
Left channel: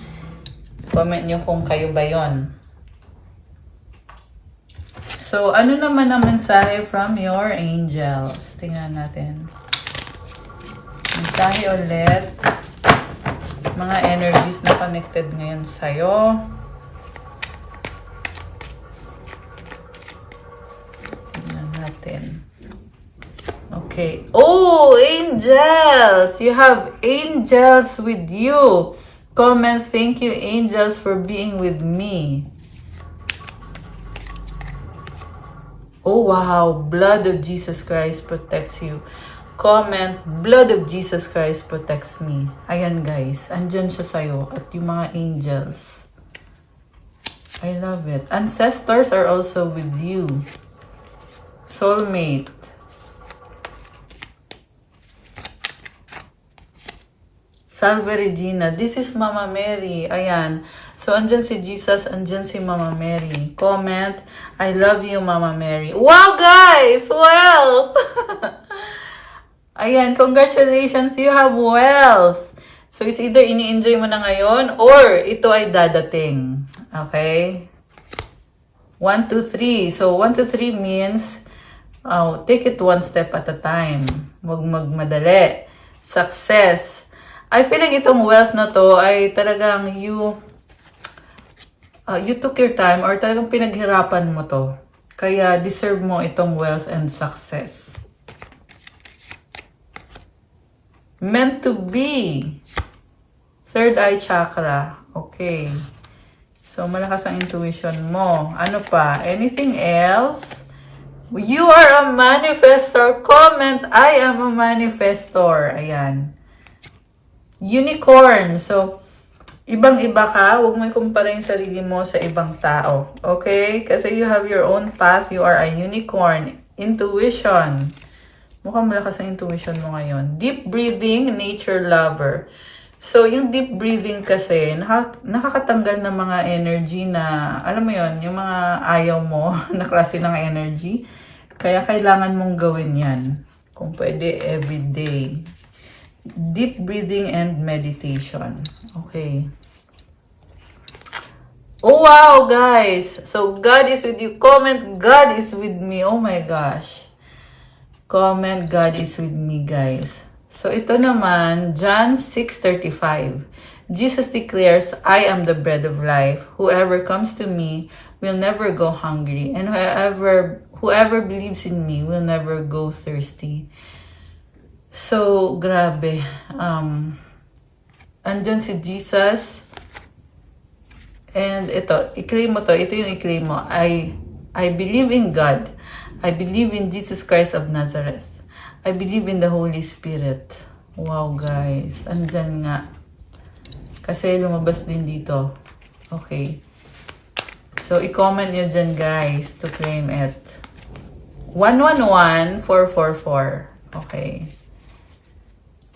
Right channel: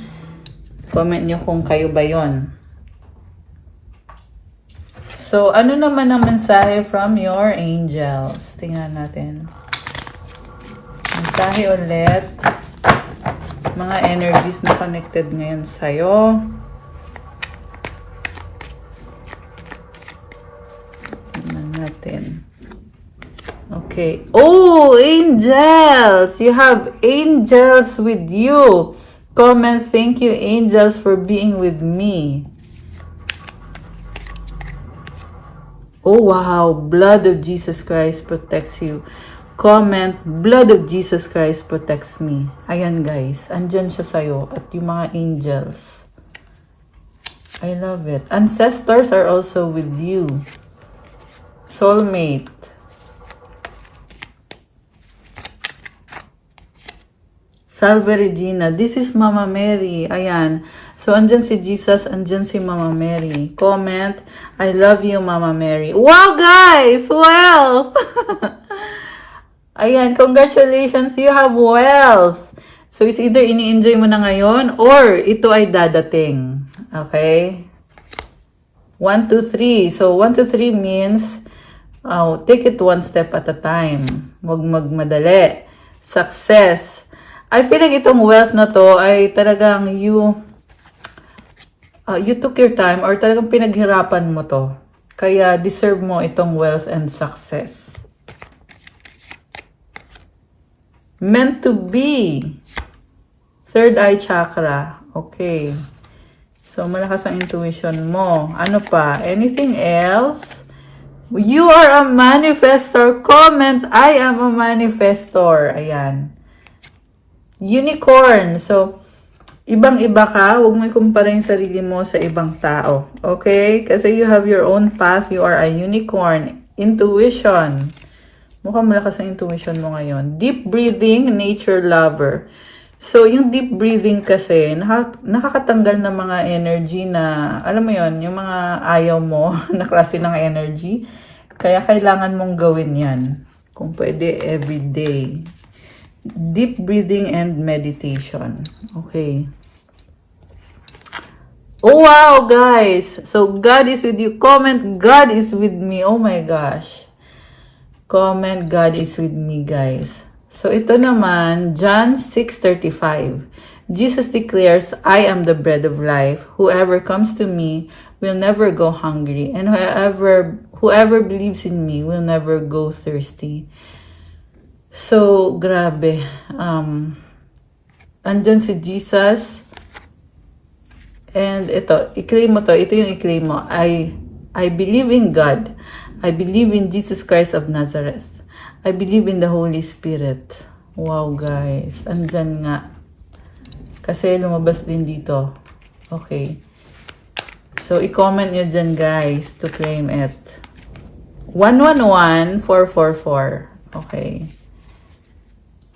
Comment nyo kung kayo ba yon. So, ano naman ang mensahe from your angels? Tingnan natin. Mensahe ulit. Mga energies na connected ngayon sa'yo. Okay. Oh, angels! You have angels with you. Comment, thank you, angels, for being with me. Oh, wow. Blood of Jesus Christ protects you. Comment, blood of Jesus Christ protects me. Ayan, guys. Andyan siya sa'yo. At yung mga angels. I love it. Ancestors are also with you. Soulmate. Salve Regina. This is Mama Mary. Ayan. So, andyan si Jesus, andyan si Mama Mary. Comment, I love you, Mama Mary. Wow, guys! Wealth! Ayan, congratulations, you have wealth. So, it's either ini-enjoy mo na ngayon or ito ay dadating. Okay? 1, 2, 3. So, 1, 2, 3 means take it one step at a time. Huwag magmadali. Success. I feel like itong wealth na to ay talagang you took your time or talagang pinaghirapan mo to. Kaya deserve mo itong wealth and success. Meant to be. Third eye chakra. Okay. So, malakas ang intuition mo. Ano pa? Anything else? You are a manifestor. Comment, I am a manifestor. Ayan. Unicorn. So, ibang-iba ka. Huwag mo ikumpara yung sarili mo sa ibang tao. Okay? Kasi you have your own path. You are a unicorn. Intuition. Mukhang malakas ang intuition mo ngayon. Deep breathing, nature lover. So, yung deep breathing kasi, nakakatanggal ng mga energy na, alam mo yon, yung mga ayaw mo na klase ng energy. Kaya kailangan mong gawin yan. Kung pwede, everyday. Deep breathing and meditation. Okay. Oh, wow, guys. So, God is with you. Comment, God is with me. Oh my gosh. Comment, God is with me, guys. So, ito naman, John 6:35. Jesus declares, I am the bread of life. Whoever comes to me will never go hungry. And whoever believes in me will never go thirsty. So, grabe. Andyan si Jesus. And ito, i-claim mo to. Ito yung i-claim mo. I believe in God. I believe in Jesus Christ of Nazareth. I believe in the Holy Spirit. Wow, guys. Andyan nga. Kasi lumabas din dito. Okay. So, i-comment nyo dyan, guys, to claim it. 111444. Okay.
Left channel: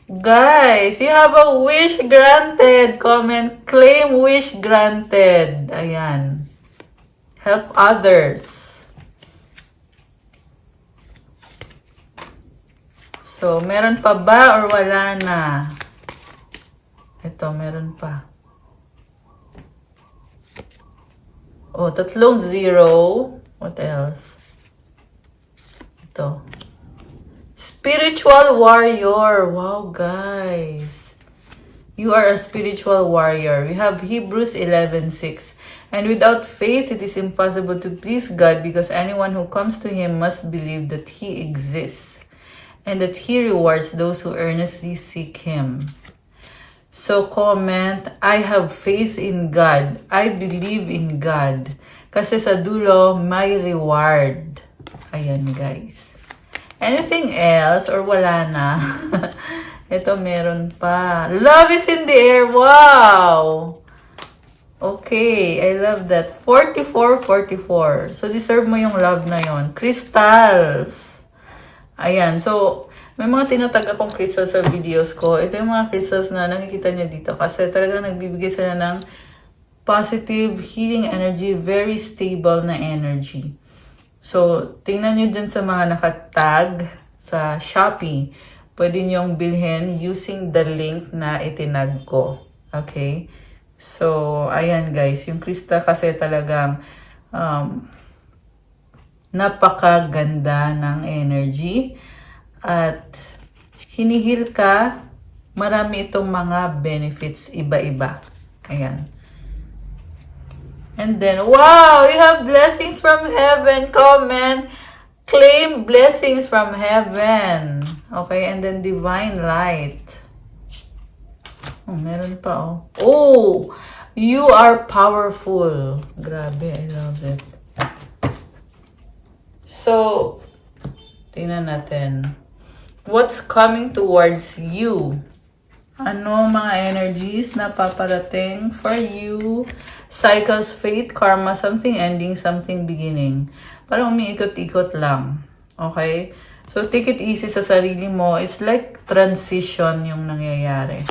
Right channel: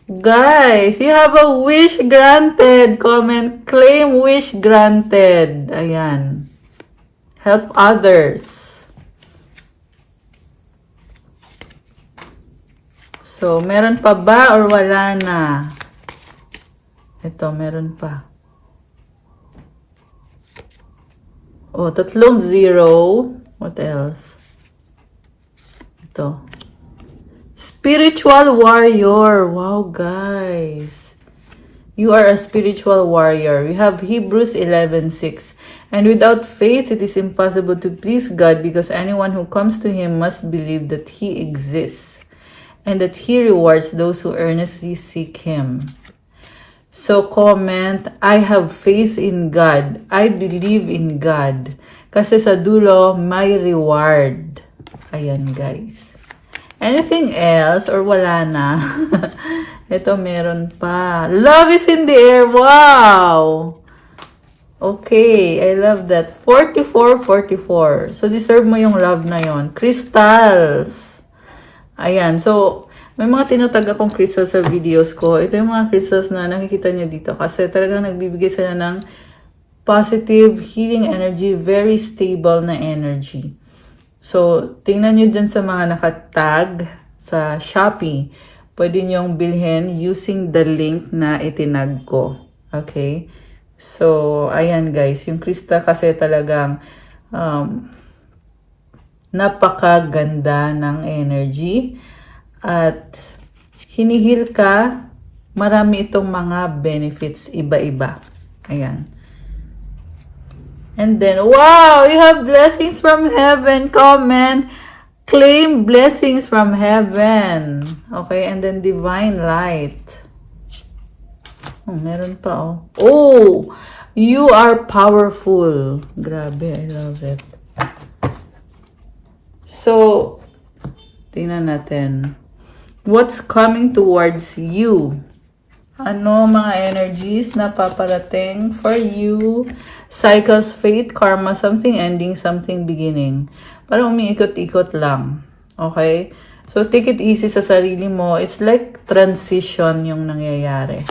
Guys, you have a wish granted. Comment, claim wish granted. Ayan. Help others. So, meron pa ba or wala na? Ito, meron pa. Oh, 3 0. What else? Ito. Spiritual warrior. Wow, guys. You are a spiritual warrior. You have Hebrews 11:6. And without faith, it is impossible to please God because anyone who comes to Him must believe that He exists and that He rewards those who earnestly seek Him. So comment, I have faith in God. I believe in God. Kasi sa dulo, may reward. Ayan, guys. Anything else or wala na? Ito, meron pa. Love is in the air. Wow! Okay, I love that. 4444. So, deserve mo yung love na yon. Crystals. Ayan. So, may mga tinatag akong crystals sa videos ko. Ito yung mga crystals na nakikita nyo dito. Kasi talagang nagbibigay sila ng positive, healing energy, very stable na energy. So, tingnan nyo dyan sa mga nakatag sa Shopee. Pwede nyong bilhin using the link na itinag ko. Okay? So, ayan guys. Yung Krista kasi talagang napakaganda ng energy. At hinihil ka, marami itong mga benefits iba-iba. Ayan. And then, wow! You have blessings from heaven. Comment. Claim blessings from heaven. Okay, and then divine light. Oh, meron pa oh. Oh! You are powerful. Grabe, I love it. So, tingnan natin. What's coming towards you? Ano mga energies na paparating for you? Cycles, fate, karma, something ending, something beginning. Parang umiikot-ikot lang. Okay? So, take it easy sa sarili mo. It's like transition yung nangyayari.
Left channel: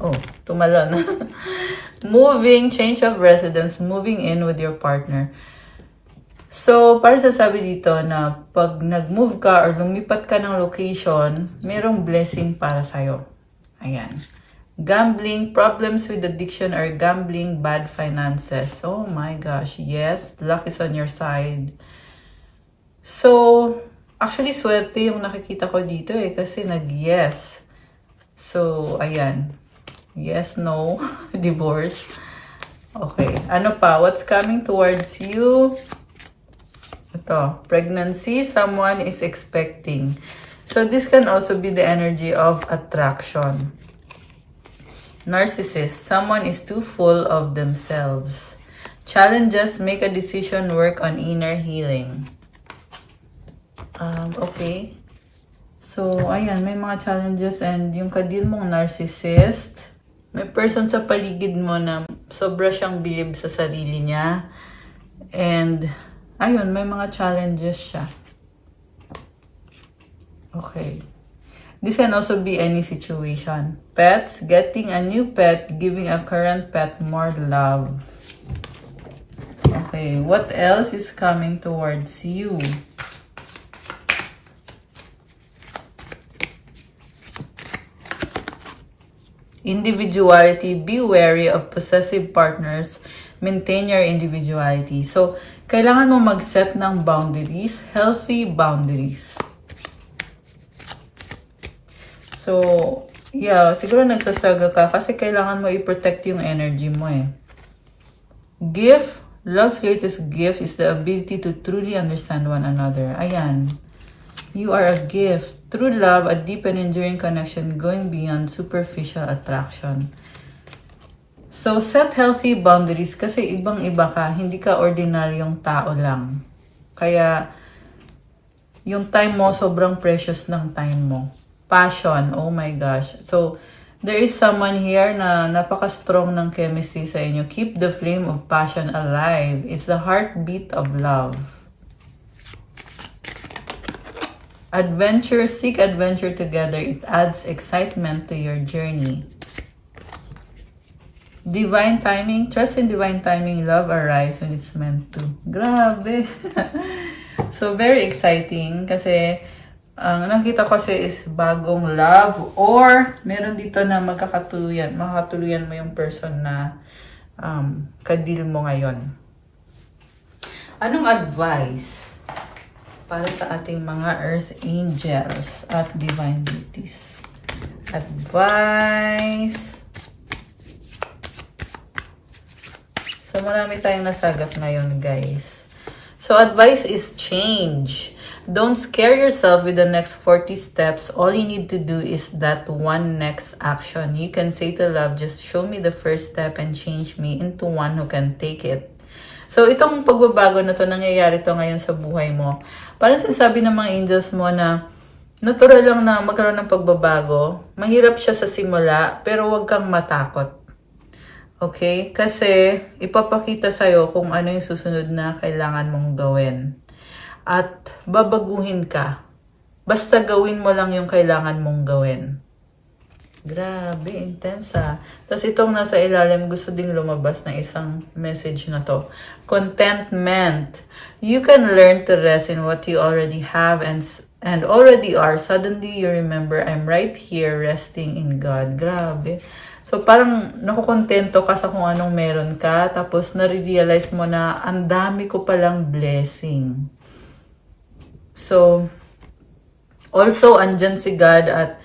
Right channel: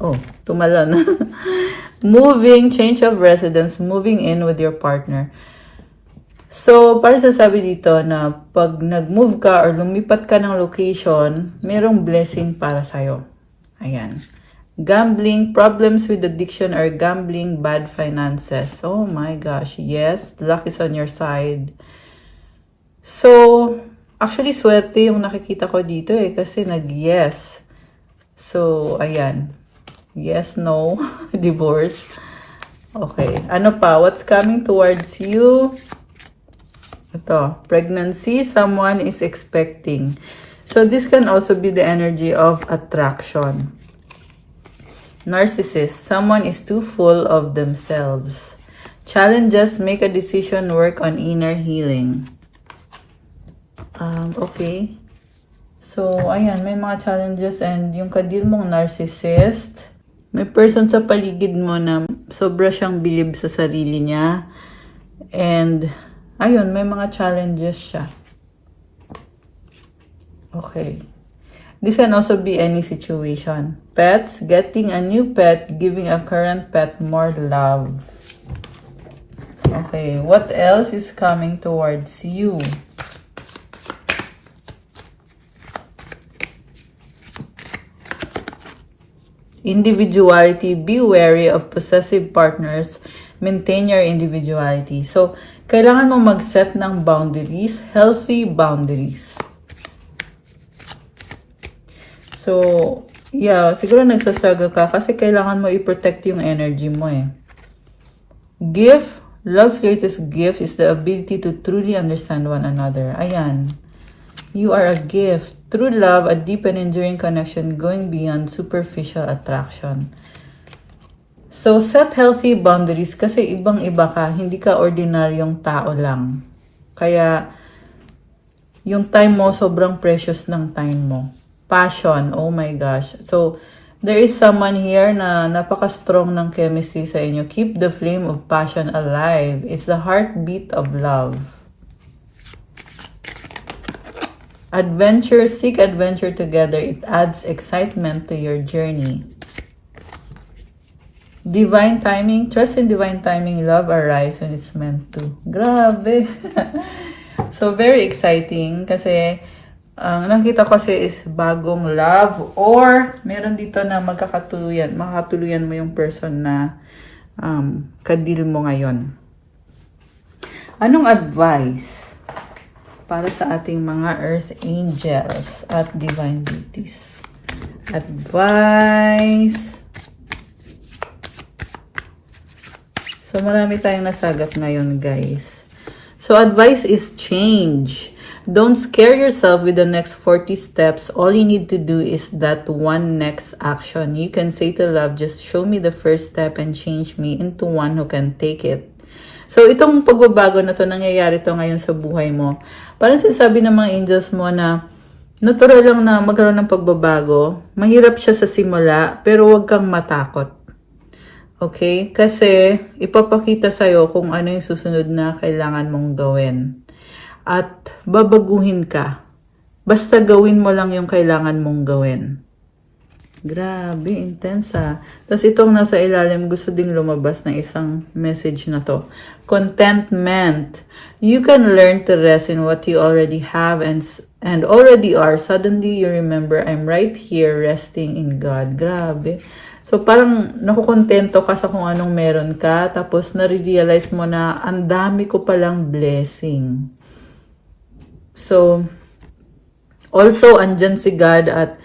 Oh, tumalon. Moving, change of residence, moving in with your partner. So, para sasabi dito na pag nag-move ka or lumipat ka ng location, merong blessing para sa'yo. Ayan. Gambling, problems with addiction or gambling, bad finances. Oh my gosh, yes, luck is on your side. So, actually, swerte yung nakikita ko dito kasi nag-yes. So, ayan. Yes, no, divorce. Okay, ano pa? What's coming towards you? Ito, pregnancy, someone is expecting. So, this can also be the energy of attraction. Narcissist, someone is too full of themselves. Challenges, make a decision, work on inner healing. Okay. So, ayan, may mga challenges and yung kadil mong narcissist, may person sa paligid mo na sobra siyang bilib sa sarili niya. And, ayun, may mga challenges siya. Okay. This can also be any situation. Pets, getting a new pet, giving a current pet more love. Okay, what else is coming towards you? Individuality, be wary of possessive partners, maintain your individuality. So, kailangan mo mag-set ng boundaries, healthy boundaries. So, yeah, siguro nagsastruggle ka kasi kailangan mo i-protect yung energy mo eh. Gift, love's greatest gift is the ability to truly understand one another. Ayan. You are a gift. True love, a deep and enduring connection going beyond superficial attraction. So, set healthy boundaries kasi ibang-iba ka. Hindi ka ordinaryong tao lang. Kaya, yung time mo, sobrang precious ng time mo. Passion, oh my gosh. So, there is someone here na napaka-strong ng chemistry sa inyo. Keep the flame of passion alive. It's the heartbeat of love. Adventure, seek adventure together. It adds excitement to your journey. Divine timing, trust in divine timing. Love arrives when it's meant to. Grabe. So, very exciting kasi nakita ko kasi is bagong love or meron dito na makakatuluyan mo yung person na kadil mo ngayon. Anong advice para sa ating mga earth angels at divine beauties? Advice. So, marami tayong nasagap ngayon, guys. So, advice is change. Don't scare yourself with the next 40 steps. All you need to do is that one next action. You can say to love, just show me the first step and change me into one who can take it. So, itong pagbabago na to, nangyayari to ngayon sa buhay mo. Parang sinasabi ng mga angels mo na natural lang na magkaroon ng pagbabago. Mahirap siya sa simula, pero huwag kang matakot. Okay? Kasi ipapakita sa'yo kung ano yung susunod na kailangan mong gawin. At babaguhin ka. Basta gawin mo lang yung kailangan mong gawin. Grabe, intense ah. Tapos itong nasa ilalim, gusto ding lumabas na isang message na to. Contentment. You can learn to rest in what you already have and already are. Suddenly you remember, I'm right here resting in God. Grabe. So parang nakukontento ka sa kung anong meron ka. Tapos nare-realize mo na ang dami ko palang blessing. So, also andyan si God at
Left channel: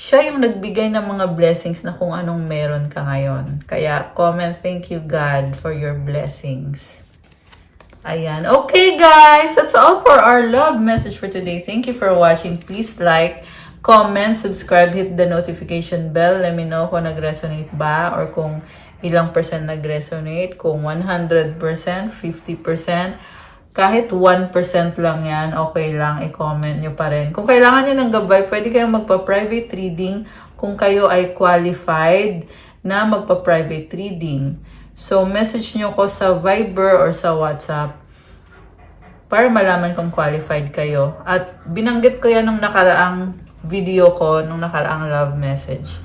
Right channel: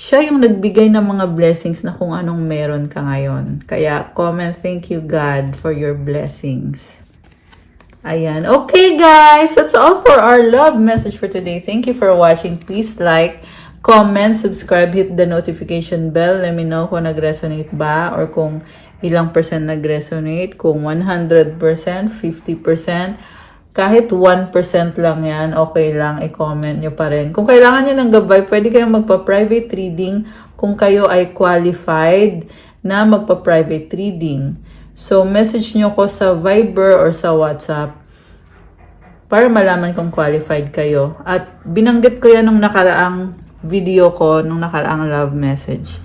siya yung nagbigay ng mga blessings na kung anong meron ka ngayon. Kaya comment, thank you God for your blessings. Ayan. Okay guys, that's all for our love message for today. Thank you for watching. Please like, comment, subscribe, hit the notification bell. Let me know kung nag-resonate ba or kung ilang percent nag-resonate. Kung 100%, 50%. Kahit 1% lang yan, okay lang, i-comment nyo pa rin. Kung kailangan nyo ng gabay, pwede kayong magpa-private reading kung kayo ay qualified na magpa-private reading. So, message nyo ko sa Viber or sa WhatsApp para malaman kung qualified kayo. At binanggit ko yan nung nakaraang video ko, nung nakaraang love message.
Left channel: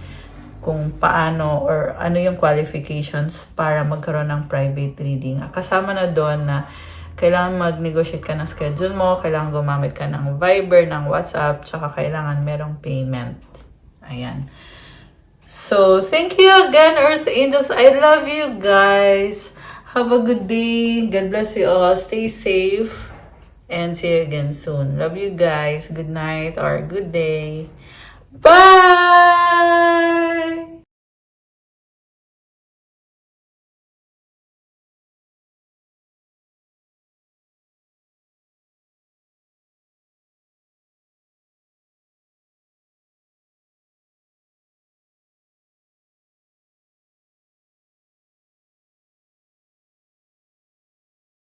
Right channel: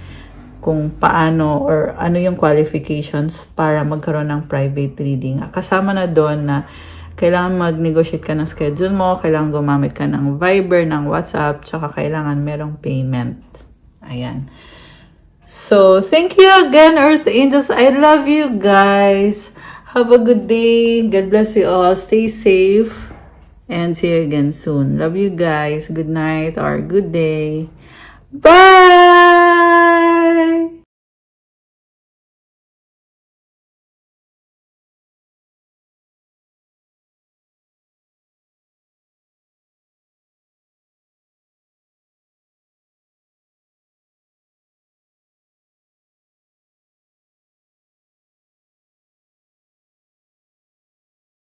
Kung paano or ano yung qualifications para magkaroon ng private reading. Kasama na doon na kailangan mag-negotiate ka ng schedule mo, kailangan gumamit ka ng Viber, ng WhatsApp, tsaka kailangan merong payment. Ayan. So, thank you again, Earth Angels. I love you guys. Have a good day. God bless you all. Stay safe. And see you again soon. Love you guys. Good night or good day. Bye!